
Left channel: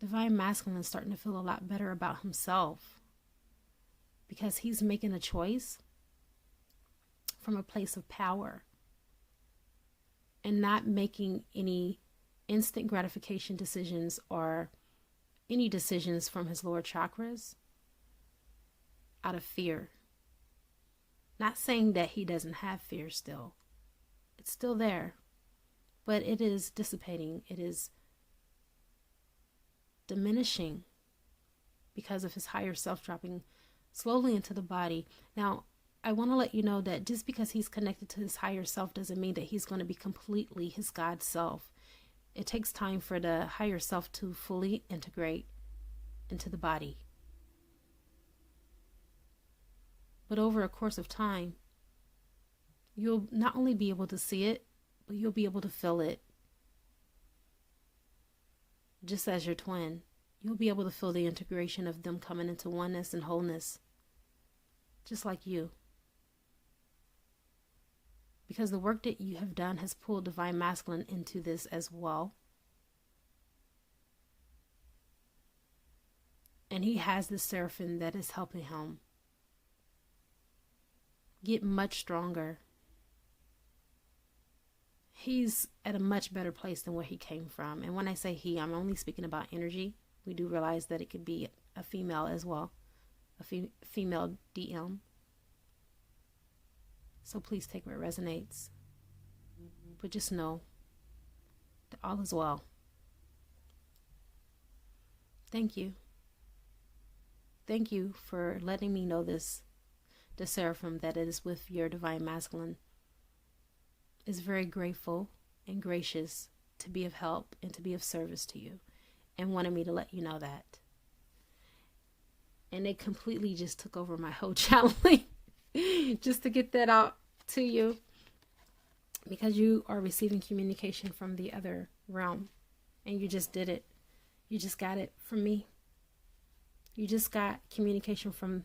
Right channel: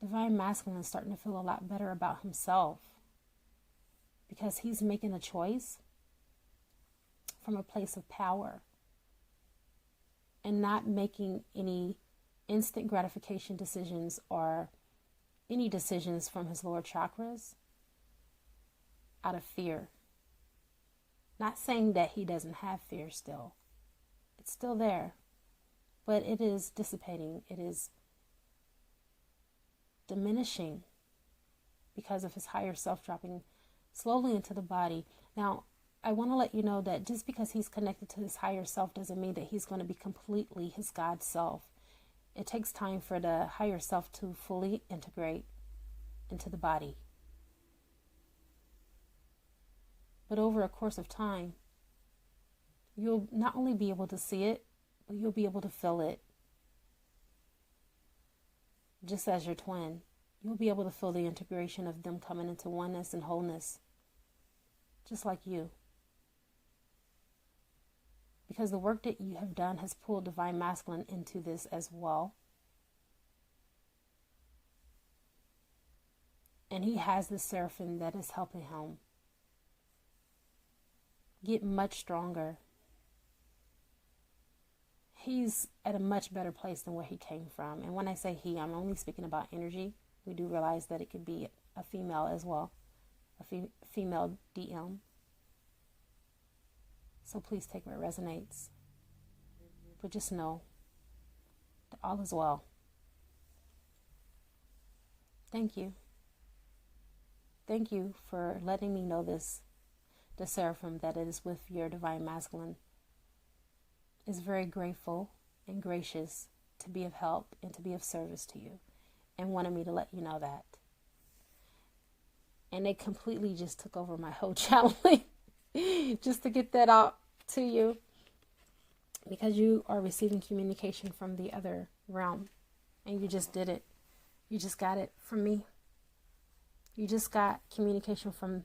Divine masculine is starting to feel a lot better about himself, because he's making a choice from a place of power and not making any instant gratification decisions or any decisions from his lower chakras out of fear. Not saying that he doesn't have fear still. It's still there, but it is dissipating. It is diminishing because of his higher self dropping slowly into the body. Now, I want to let you know that just because he's connected to his higher self doesn't mean that he's going to be completely his God self. It takes time for the higher self to fully integrate into the body. But over a course of time, you'll not only be able to see it, but you'll be able to feel it. Just as your twin, you'll be able to feel the integration of them coming into oneness and wholeness, just like you. Because the work that you have done has pulled divine masculine into this as well. And he has this seraphim that is helping him get much stronger. He's at a much better place than where he came from. And when I say he, I'm only speaking about energy. We do realize that it could be a female as well, a female DM. So please take where it resonates. But just know that all is well. Thank you. Thank you for letting me know this. The seraphim that is with your divine masculine is very grateful and gracious to be of help and to be of service to you, and wanted me to let you know that. And they completely just took over my whole channeling just to get that out to you, because you are receiving communication from the other realm, and you just did it. You just got it from me. You just got communication from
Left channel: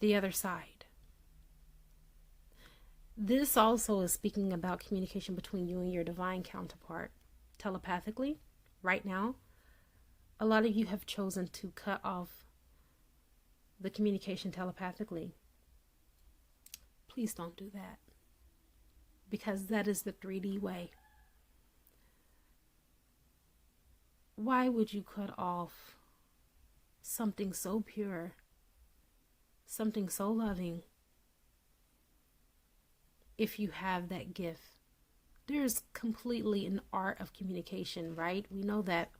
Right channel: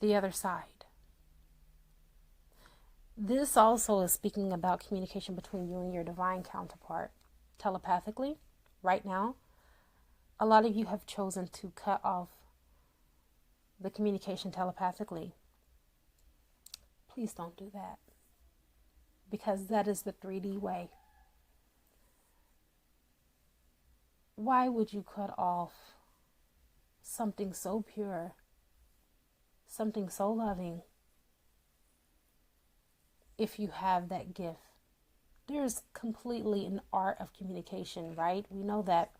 the other side. This also is speaking about communication between you and your divine counterpart telepathically. Right now, a lot of you have chosen to cut off the communication telepathically. Please don't do that, because that is the 3D way. Why would you cut off something so pure, something so loving, if you have that gift. There's completely an art of communication, right? We know that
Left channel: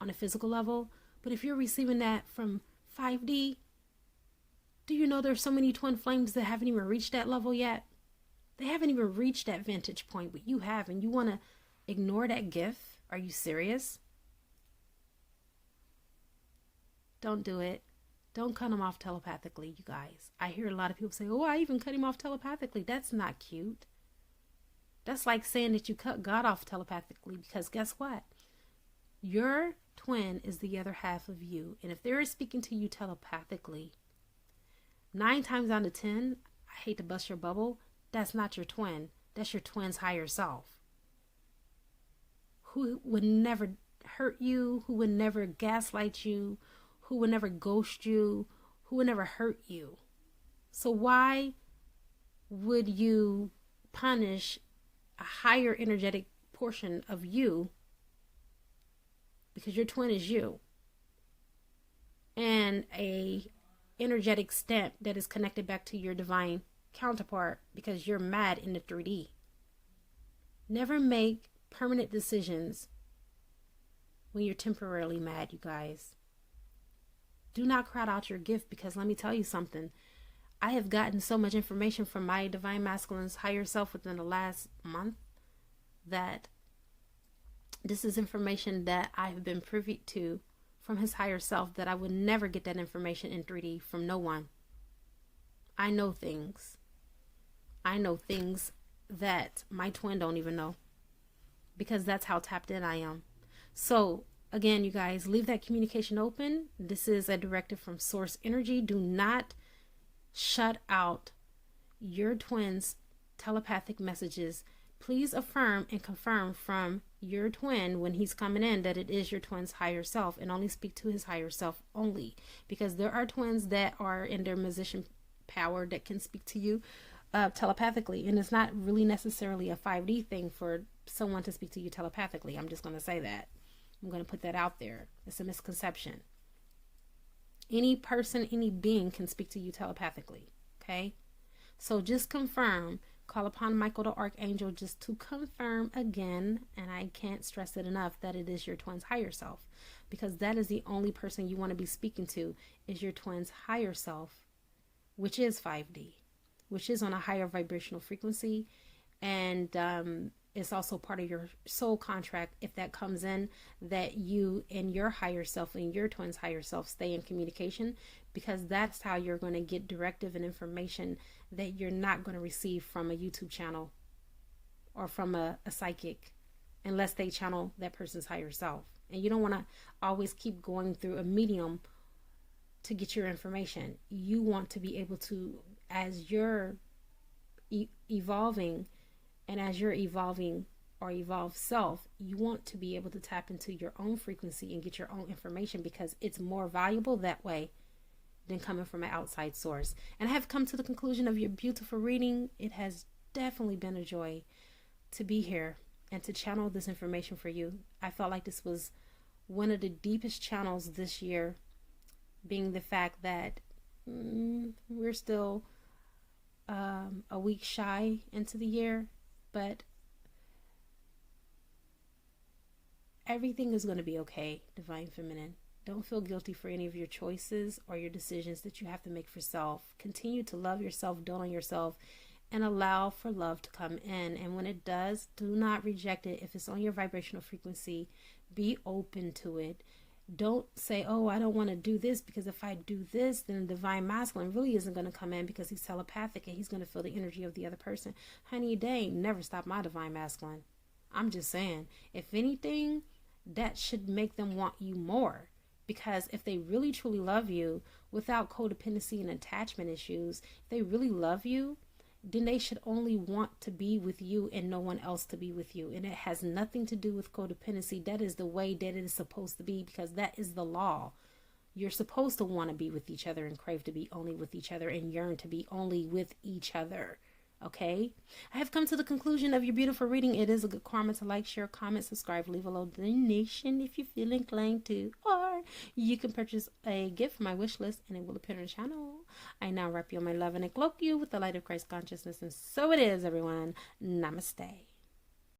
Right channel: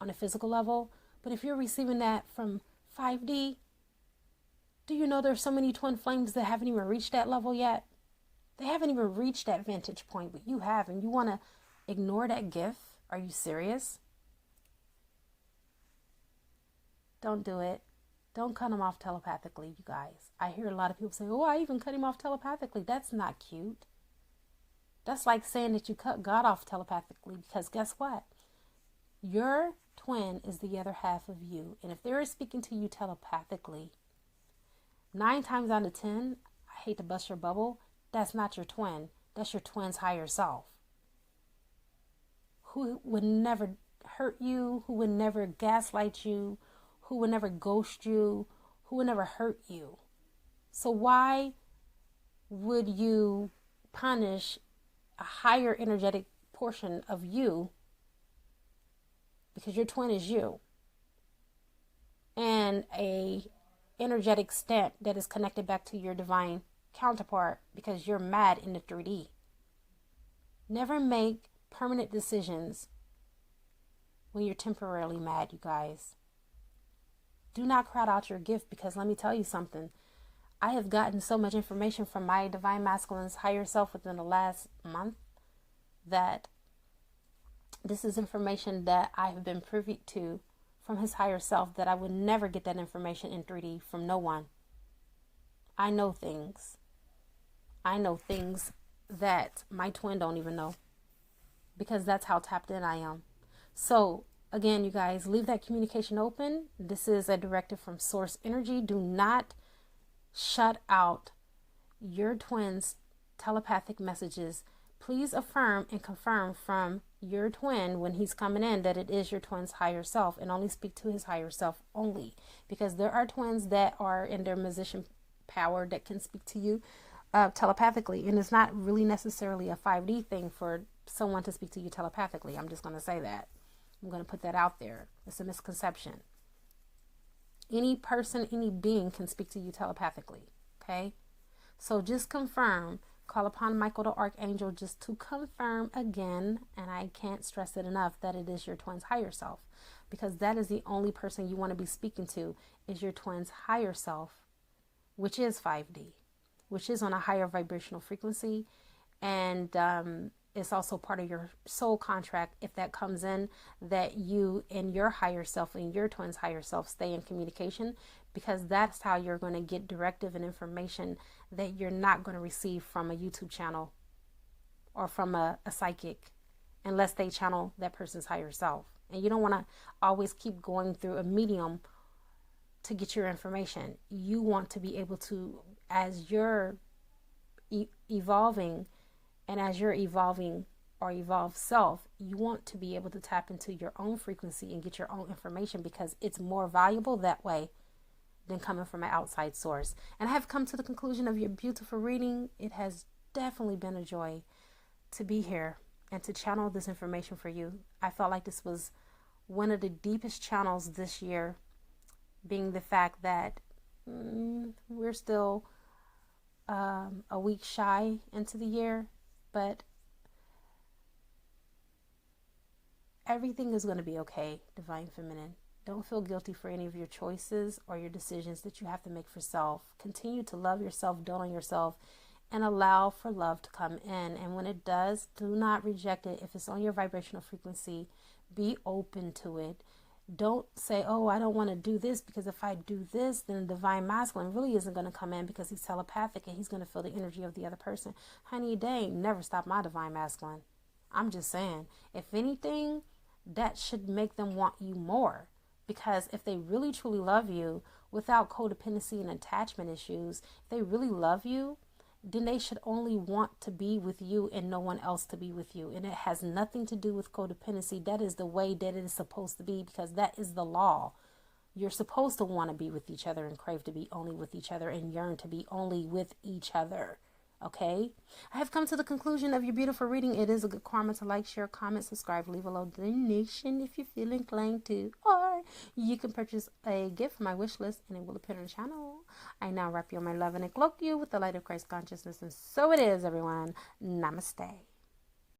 on a physical level. But if you're receiving that from 5D, do you know there's so many twin flames that haven't even reached that level yet? They haven't even reached that vantage point, but you have, and you want to ignore that gift? Are you serious? Don't do it. Don't cut him off telepathically, you guys. I hear a lot of people say, oh, I even cut him off telepathically. That's not cute. That's like saying that you cut God off telepathically, because guess what? Your twin is the other half of you. And if they're speaking to you telepathically, 9 times out of 10, I hate to bust your bubble, that's not your twin. That's your twin's higher self, who would never hurt you, who would never gaslight you, who would never ghost you, who would never hurt you. So why would you punish a higher energetic portion of you? Because your twin is you. And a energetic stamp that is connected back to your divine counterpart, because you're mad in the 3D. Never make permanent decisions when you're temporarily mad, you guys. Do not crowd out your gift, because let me tell you something. I have gotten so much information from my divine masculine's higher self within the last month that this is information that I've been privy to from his higher self, that I would never get that information in 3D from no one. I know things. I know things that my twin don't even know, because that's how tapped in I am. So again, you guys, leave that communication open. This is a directive from source energy. Do not shut out your twin's telepathic messages. Please affirm and confirm from your twin when he's coming in that it is your twin's higher self, and only speak to his higher self only, because there are twins that are in their musician power that can speak to you telepathically, and it's not really necessarily a 5D thing for someone to speak to you telepathically. I'm just going to say that. I'm going to put that out there. It's a misconception. Any person, any being can speak to you telepathically. Okay? So just confirm. Call upon Michael the Archangel just to confirm again, and I can't stress it enough, that it is your twin's higher self, because that is the only person you want to be speaking to, is your twin's higher self, which is 5D, which is on a higher vibrational frequency, and it's also part of your soul contract, if that comes in, that you and your higher self and your twin's higher self stay in communication, because that's how you're going to get directive and information that you're not going to receive from a YouTube channel or from a psychic, unless they channel that person's higher self. And you don't want to always keep going through a medium to get your information. You want to be able to, as you're evolving, and as you're evolving or evolved self, you want to be able to tap into your own frequency and get your own information, because it's more valuable that way than coming from an outside source. And I have come to the conclusion of your beautiful reading. It has definitely been a joy to be here and to channel this information for you. I felt like this was one of the deepest channels this year, being the fact that we're still a week shy into the year, but everything is going to be okay, Divine Feminine. Don't feel guilty for any of your choices or your decisions that you have to make for self. Continue to love yourself, dote on yourself, and allow for love to come in. And when it does, do not reject it. If it's on your vibrational frequency, be open to it. Don't say, oh, I don't want to do this, because if I do this, then the divine masculine really isn't going to come in, because he's telepathic and he's going to feel the energy of the other person. Honey, they ain't never stopped my divine masculine. I'm just saying, if anything, that should make them want you more. Because if they really truly love you without codependency and attachment issues, if they really love you, then they should only want to be with you and no one else to be with you. And it has nothing to do with codependency. That is the way that it is supposed to be, because that is the law. You're supposed to want to be with each other and crave to be only with each other and yearn to be only with each other. Okay, I have come to the conclusion of your beautiful reading. It is a good karma to like, share, comment, subscribe, leave a low donation if you feel inclined to, or you can purchase a gift from my wish list and it will appear on the channel. I now wrap you in my love and cloak you with the light of Christ consciousness, and so it is, everyone. Namaste.